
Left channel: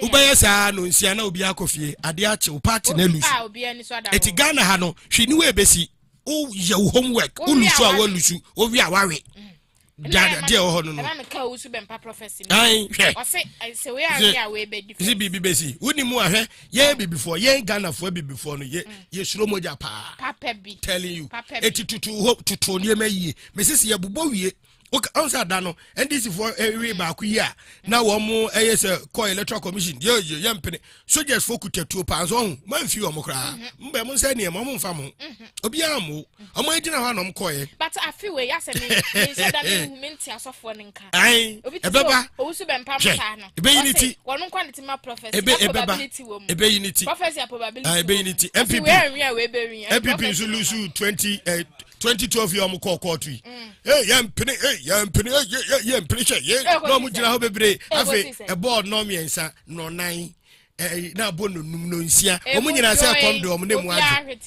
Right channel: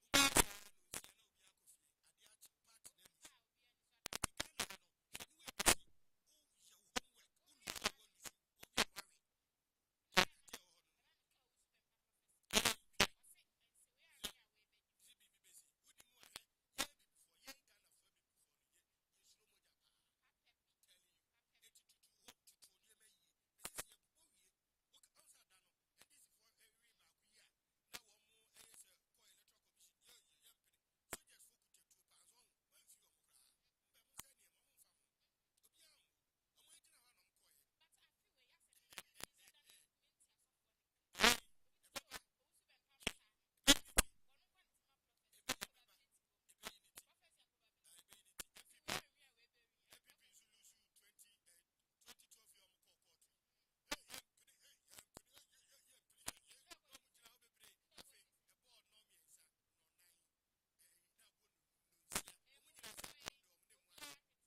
Ubaya sa no nsia na obi akofie. Ade ache o party na lusu. Obi ani so ada. Eti Ghana ha no hwe ni we besi. O ye homework. Ulusu a walusu. O wi aware. Dada dia ho no. Na me ka usu be mpa prophecy. Ai. O se we are we be different. Si bibi besi. Woni mu ahwe ye be before ye Ghana for be before no ye suro moja pa. Papa bi. Telling you. Eti tutu nie mayi. Me sisi ye bubo wie. Okay, answer that no. And this is for every back year. Now one more call electoral commission. Yo, yampene. So just focus to 2 pounds on. Man few amokra. Mbe mun say near mamun famu. Obiamu. Omo edina ha no mkoye. But I feel we yase me so that movement asofo nka. Ai. Ebeba. Owu be mpa mpa no. Ebe unity. Wonu quality ma prophecy. Probability wo mu. Ebe unity. Prophecy probability. Ai ebe unity. MPP. MPP so lose 2012 year am call to hey yampene no mu jira ho bebre afi e board no miensa no nan na bo no num no nsia o mu nyina say come do o mu ne mu age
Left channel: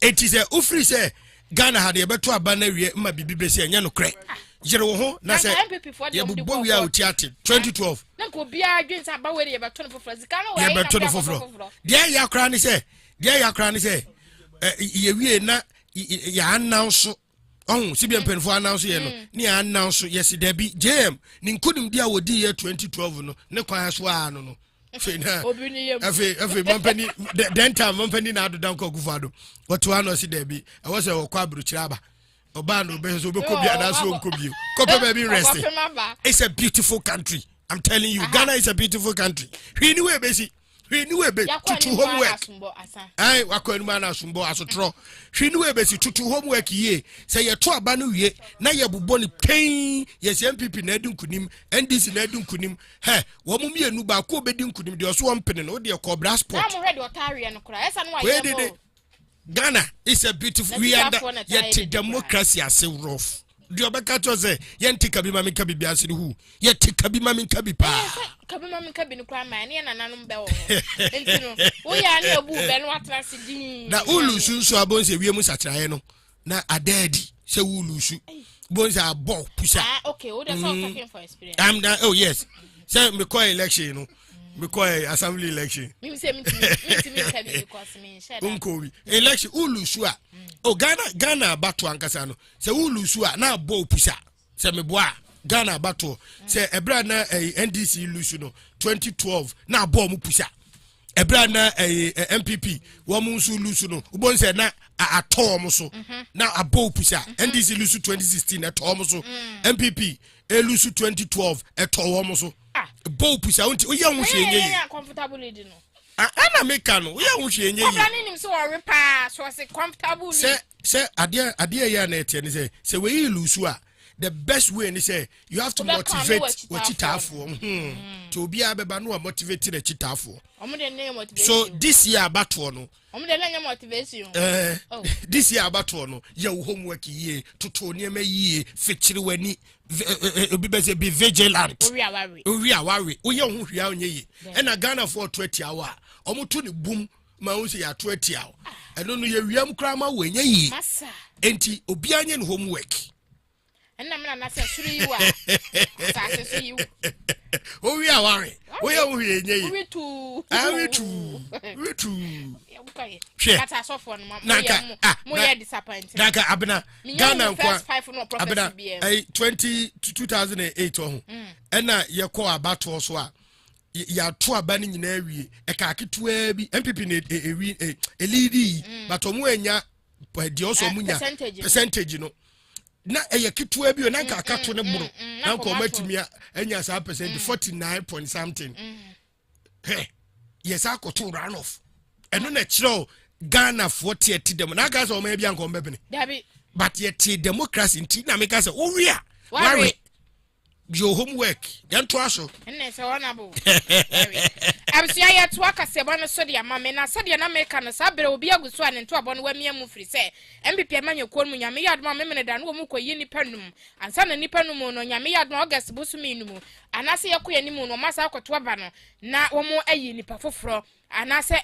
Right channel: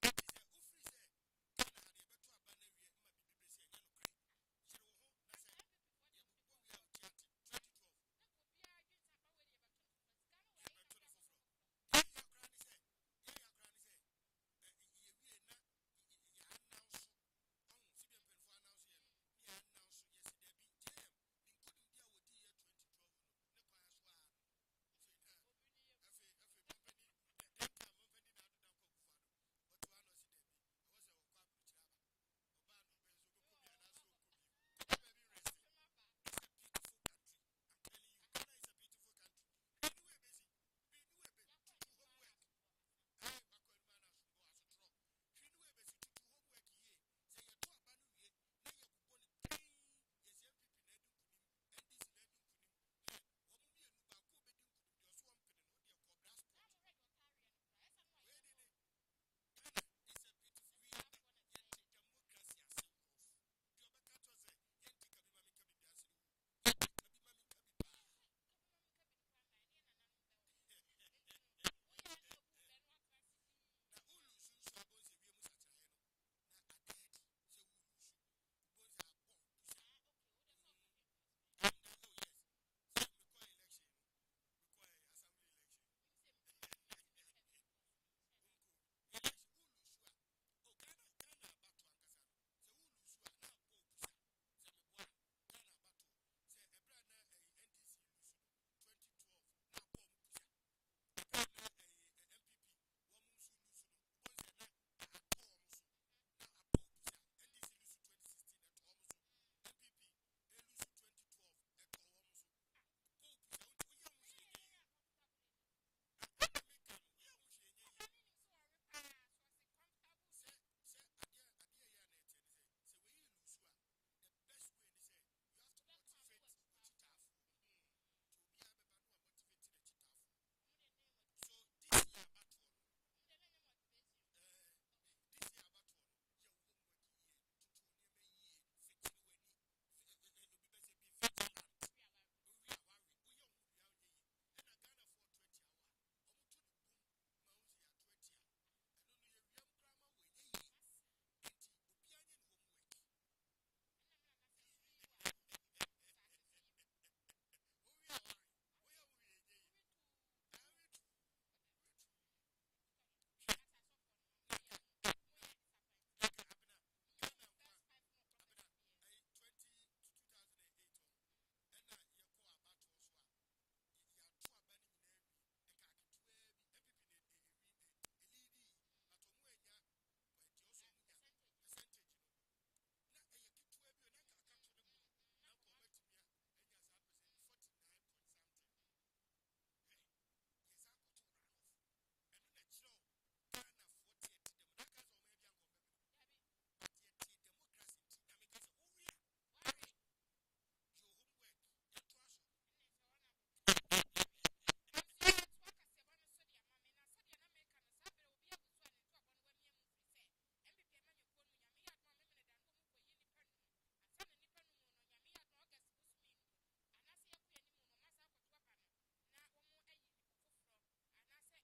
eti say ufiri say Ghana had a better banner ma bibi besi anya no kre yere wo ho na se ye bobbo wi a otiate 2012 na ko bia adwen sa ba we ye beto no foforo zika no we ye beto no foforo dia ya kra ni se ye wie na ya announce oh si bien penfo announce ye no ni announce yes there be jam ni nkunim dia wodi ye 2012 no ne kwan so a no Fena efe mampani den time mampani na adodan ko gufado wato ano si there be I was a kwa bruchiraba oba no be so be ko bia na so nko bio ko pe be rest. It's a beautiful country, I'm telling you. Ghana is a beautiful country. We knew be tutu homework ai wakọ ma na sumbo asotro hwe ni be si tutu homework ye say ye to aba no wie na ye bobọ ni pain ye MPP na adunkunim NDC na adunkunim he wo mu mienu ba ko obedi nkunim de so mpene no de ko bra sport na mo ready otare no kra esa no wa ye Ghana is a beautiful we are yet democracy as rough. Do obeka to say yenti kabi mami kabi bi asiri hu yeti kabi mami kabi pa kabi mami kabi no kwa ma ne nananum be wo entino wo ya ne obu be no atrase din na ulusu so abonse wiemu satraye no na adadi se ulusu bonse abo pusa okay what is talking for experience oh yes say me call election no me call assembly election me say me kabi because me share unko election ulusu a oh Ghana bato ankasa no se ulusu a na abo pusa se me boa Ghana bato se ebra na NDC lusu no 2012 na abo mu pusa ebra na MPP wo mu nsu lusu no ubon se na atom so na abo pusa NDC lusu 2016 atom so MPP elusu 2012 etom so abo pusa unti oya hu hwenye yi comfortable lead no ana meka no oya hu hwenye yi obra nim so worry pa so say comfortable se ade ya na etie ni se we lusu a the best way ni say you have to motivate what chitafo to obi abeba no motivate the chitafo so this year battle no motivation this year battle no your homework ye toto niema ye fechiri wani obi be say be vigilant ori aware oye ho hwia onye ye na Ghana for 20 hour omoto ne boom ma wo say ya 20 hour eno no ye wiam kra ma wo enye ye enti obi anye ne homework na me na say suru yi wa sa se suru yi owi aware oye wo hwie enye ye we tu kata so for no mo ye disappointed naka abena Ghana nkwa abena 2008 ho ena ye ko abato so a ya to aba ni nyina awie e ka ketua bi MPP na elidi but omo anya de oso munya percentage no na eye ketua bi na nka akato ne buru na nka omatimia anya sa percent 49 point something yes akoto run off eno na chiro Ghana for tieti dem na ga so o ma bia nko mbebene but yet democracy nti na make say o wi a worry your homework then to aso enne se wonabo absia ya to Kasiebo no so de amame na se de na make no sabere obi aguso ane to abo no wamia mu firi se MPP amanye ko mu nyame yadom ameme da no wo mu koyi nipa num ansa na nipa num no nyame yadom August busumi num anase yakoye nimu no masa akoto aba no na wo mu ayi nipa foforo anase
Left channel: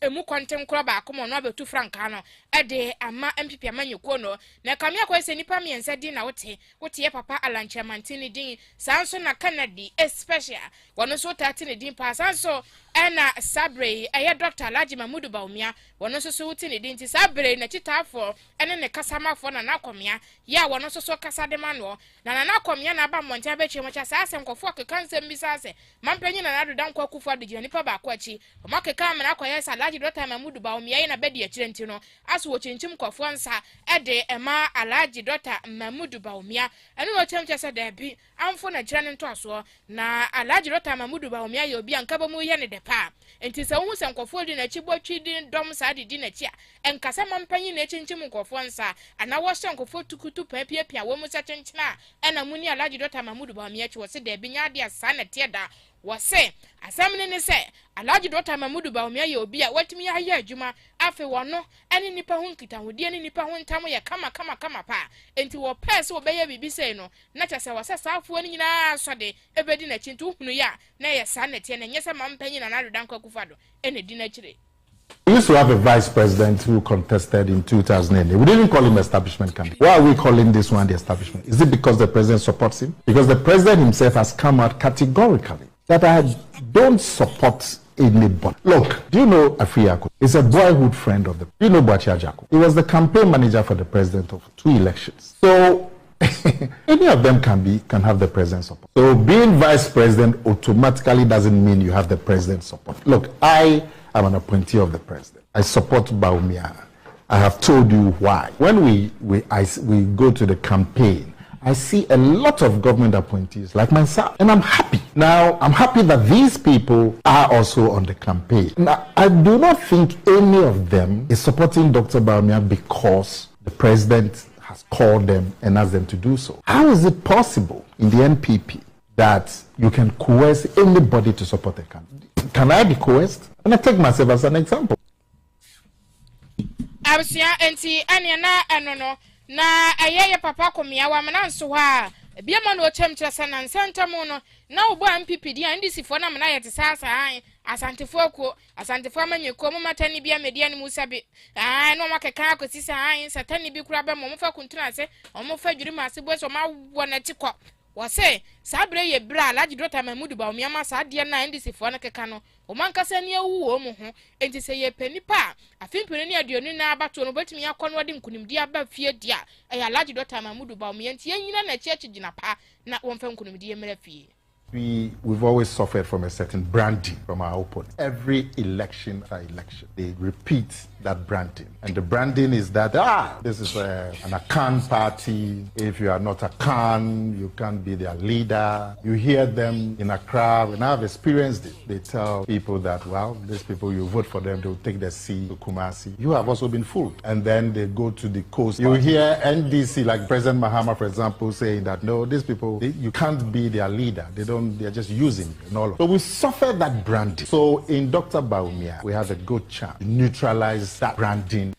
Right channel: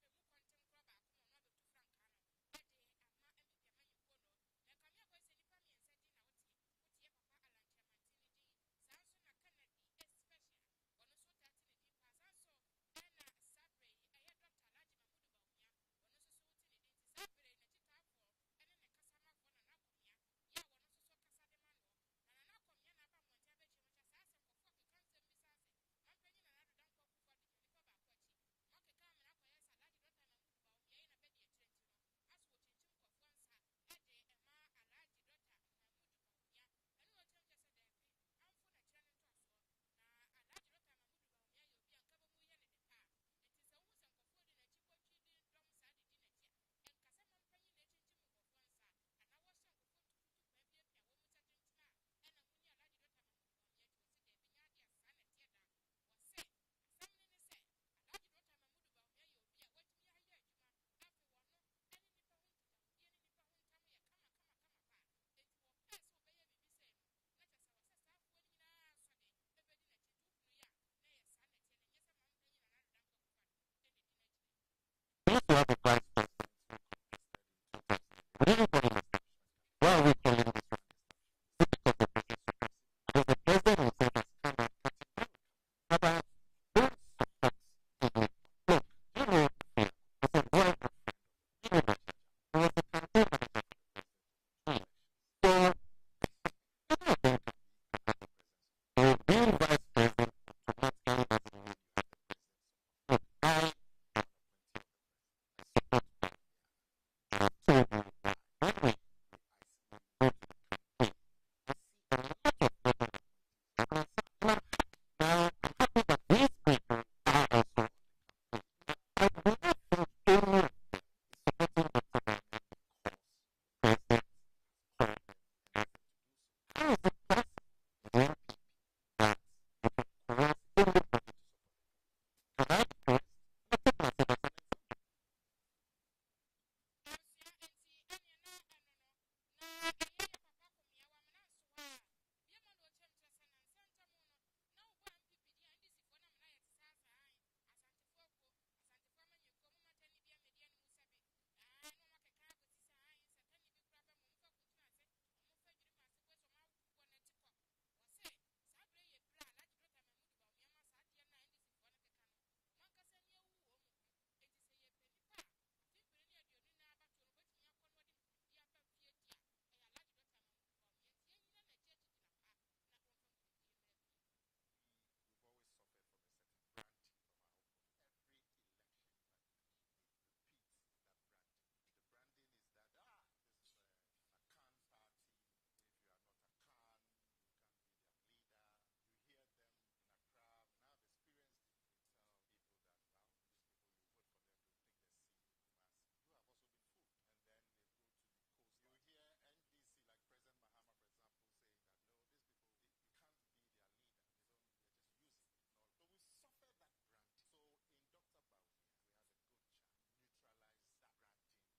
emu kontem kro ba akomo no abetu franka no ede ama MPP amanye ko no na kamia ko se nipa miensa din na wote ye papa Alanche Mantini din sanso na Canada especially wono so tati ne din pa sanso ena Sabre Dr. Alhaji Mamudu Baumia wono so wuti ne din ti Sabre na chitafo ene ne kasamafo na nakomia ya wono so kasa de mano na nakomia na ba monta be chemo cha sa asem kofo kekanse mbisa se mampanyi na nado dan kwa kufu adu nipa ba kwa chi omake kam na kwa yes Alhaji Dr. Mamudu Baumia na bedi ya chirenti no aso wo chinchim kofo nsa ede ema Alhaji Dr. Mamudu Baumia enu wo chemcha se de bi amfo na jira ne nto aso na Alhaji Dr. Mamudu Baumia ye obi anka ba mu ye ne de pa enti se wo se nkofo di na chi botwi di dom sa di na chi a enkasa mampanyi na chinchim nkofo nsa ana wo se nkofo tukutu pia wo mu sa chinchina ena muni Alhaji Dr. Mamudu Baumia chi wo se de bi nya de asa na tie da wo se asamne ne se Alhaji Dr. Mamudu Baumia ye obi a watimi ya ya adwuma afi wono ene nipa hu nkita hodi ene nipa hu ntam ye kama pa enti wo pese wo beye bibi sei no na kyase wo se saafo ni nyina so de ebedi na chintu hunu ya na ye sa na tie na nyese mampanyi na nado danko kufado ene di na kire We used to have a vice president who contested in 2008. We didn't call him establishment candidate. Why are we calling this one the establishment? Is it because the president supports him? Because the president himself has come out categorically that I don't support anybody. Look, do you know Afriyako? He's a boyhood friend of the. Do you know Boachia Jaco? He was the campaign manager for the president of 2 elections. So any of them can have the president's support. So being vice president automatically doesn't mean you have the president's support. Look, I am an appointee of the president. I support Bawumia. I have told you why. When we go to the campaign, I see a lot of government appointees like myself, and I'm happy. Now, I'm happy that these people are also on the campaign. Now, I do not think any of them is supporting Dr. Bawumia because the president has called them and asked them to do so. How is it possible in the NPP that you can coerce anybody to support a candidate? Can I be coerced? And I take myself as an example. Na ayeye papa komia wa mena nso ha bia ma no chemchira sana nsantamo no na obo MPP dia ndisifo na mena yete sasa an asantefo akuo asantefo amanyeko mo matani bia media ni musabe no makeka akosisa an satani bi kura ba mo fa kuntuna se mo fa dwiri ma se bo so ma wona tikọ wose sabre ye bra alaji dota mamudu ba omiama sa de na ndisifo na keka no o mankasa ne awu o mo ho enti se ye panipa afimpene ne aduonu na abato no betimi akọ no de nkunimdi aba fie dia e alaji dota mamudu ba omianti yanyina na chechi gina pa na won fa nkunimdi emra fie. We've always suffered from a certain branding from our opponents. Every election after election, they repeat that branding. And the branding is that, this is an Akan party. If you are not Akan, you can't be their leader. You hear them in Accra, and I've experienced it. They tell people that, well, these people, you vote for them, they'll take their seat to Kumasi. You have also been fooled. And then they go to the coast. You hear NDC, like President Mahama, for example, saying that, no, these people, you can't be their leader. They're just using it and all of. So we suffer that branding. So in Dr. Bawumia, we have a good chance to neutralize that branding.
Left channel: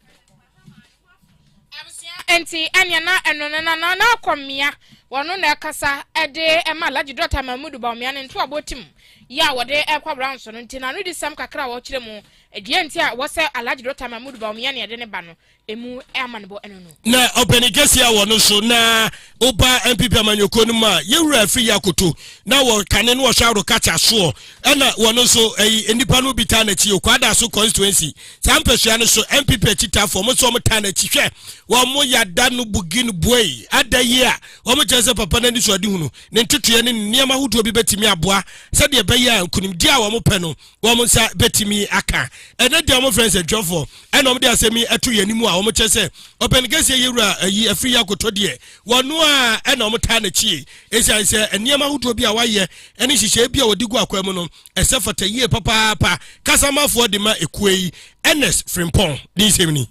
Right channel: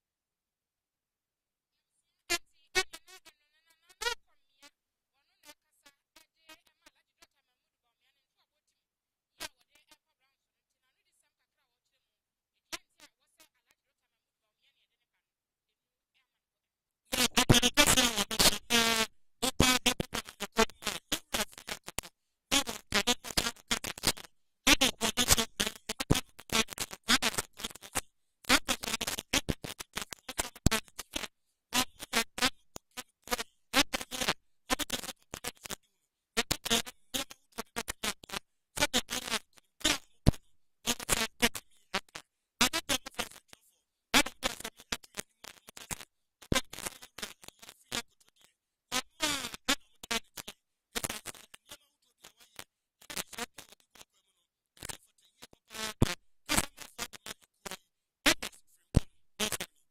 Enti anya na kwamia wano na kasa ede ema laji Dr. Mamudu Bawumia nto abotim ya wode ekwa brown so nti na no di sam kakra wo kire mu edie nti a wo se alaji Dr. Mamudu Bawumia ne ede ne ba no emu amanebo eno no na openikesi a wono so na oba MPP amanyoko no ma yewura afri yakoto na wo kane no wo hwaro kacha so na wono so enipa no bita na chi okwada so constituency sampesua no so MPP chita for mo so mo ta na chi hwe wo mo yada no bugin boy adaye a wo mo chese papa na ni so adi hunu ne ntotoe ne niam ahodo bi betimi aboa se de be ya nkunimdi a wo mo pe no wo mo sa betimi aka ena de mo friends adwofo ena mo de asemi eto yanimu a wo mo chese openikesi yewura afri yakoto de wono a ena mo ta na chi esanse niam ahodo bi a waye ene hihye bi a wodigu akwam no esefata yie papa kasamafo de ma ekuei NS Frimpong din semni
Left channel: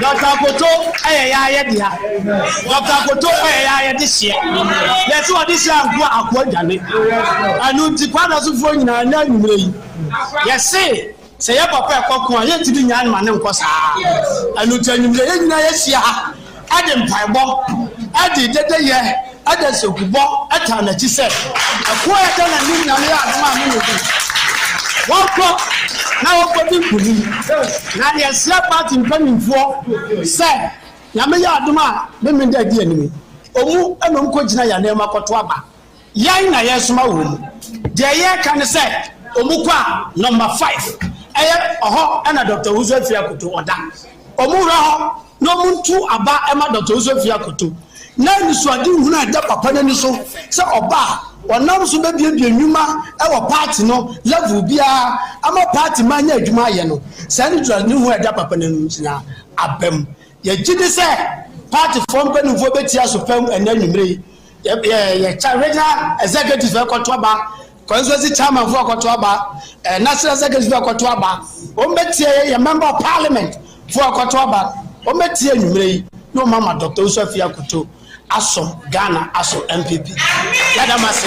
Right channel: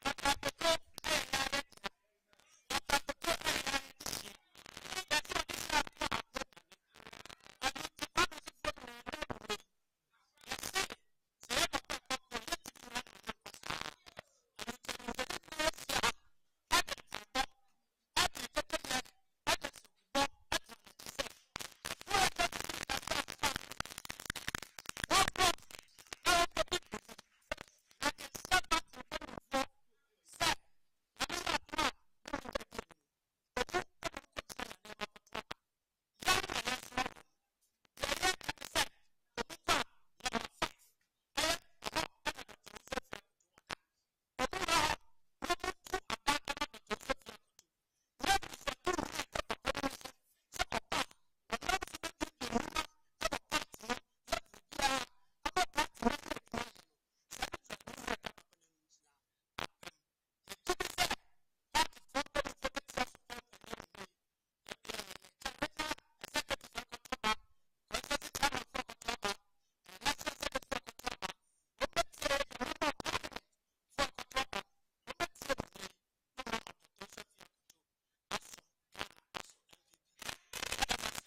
Dr. Koto ya dia. Dr. Koto ya this year. Let's what this year go akwajale. Anu ti kwada so fo nyina na nwure yi. Yes say ya papa ekoko an ye ti nya ma ne nko saa. Anu ti nwure ye nyina ye sia ha. Ade mpaibo. Ade dede ye. Ade sokubo eta na chi se. Akwa ya ta na ni nya ya aduma mi no. Wako na wako kuni na ya sia party mpanimfo se ya me ya aduma me me da di animi omu enom ko gina ya na makoto aba yan na yesoma wo mu de ye kan se omu kwa number 5 eye oho na Dr. Uzofia Koto oda omu ra ho no muntu aba ema Dr. Uzofia Koto na ni so adi hunu ada papa na ni so se oba onam so be bia nwuma e wo party no level bia ama party manya adwuma ye no say ni dra ni hu ada papa na ntina abem ye gidi say party form be nfo betia so pam enanwumre ye regional executive ekoto aba constituency chairman for ekoto aba national executive ekoto aba o betie ye member of parliament for ekoto aba o betie nwumre no mama Dr. Uzofia Koto aso Ghana aso MPP yadamase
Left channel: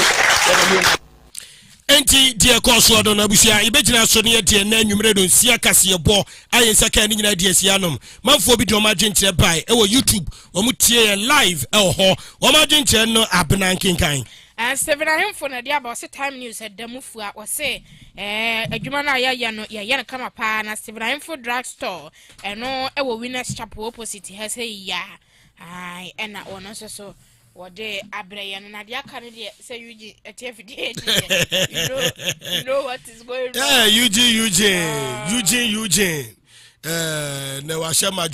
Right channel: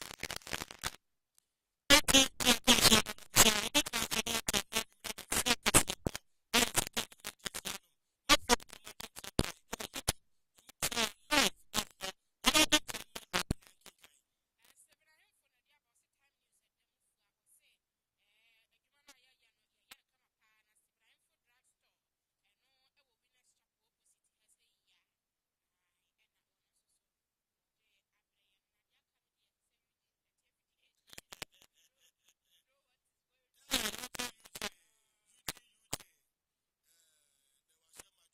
enti die koso odo na busia ibegina so ne die na nwumre do nsia Kasiebo ayen saka ni nyina die sianom manfo bi do ma gyenkyere bai e wo YouTube o mu tie live e ho o ma gyenkyere no abenankenkan and Stephen Ahemfo na dia about time news at Demufua or say adwuma na ya no ya come up na Stephen Ahemfo drugstore and no e wo Winners Chapel opposite has say ya ai and na ono so what day abraya na dia kan dey say Eugene TFD you know what is going on. Eugene na wa shama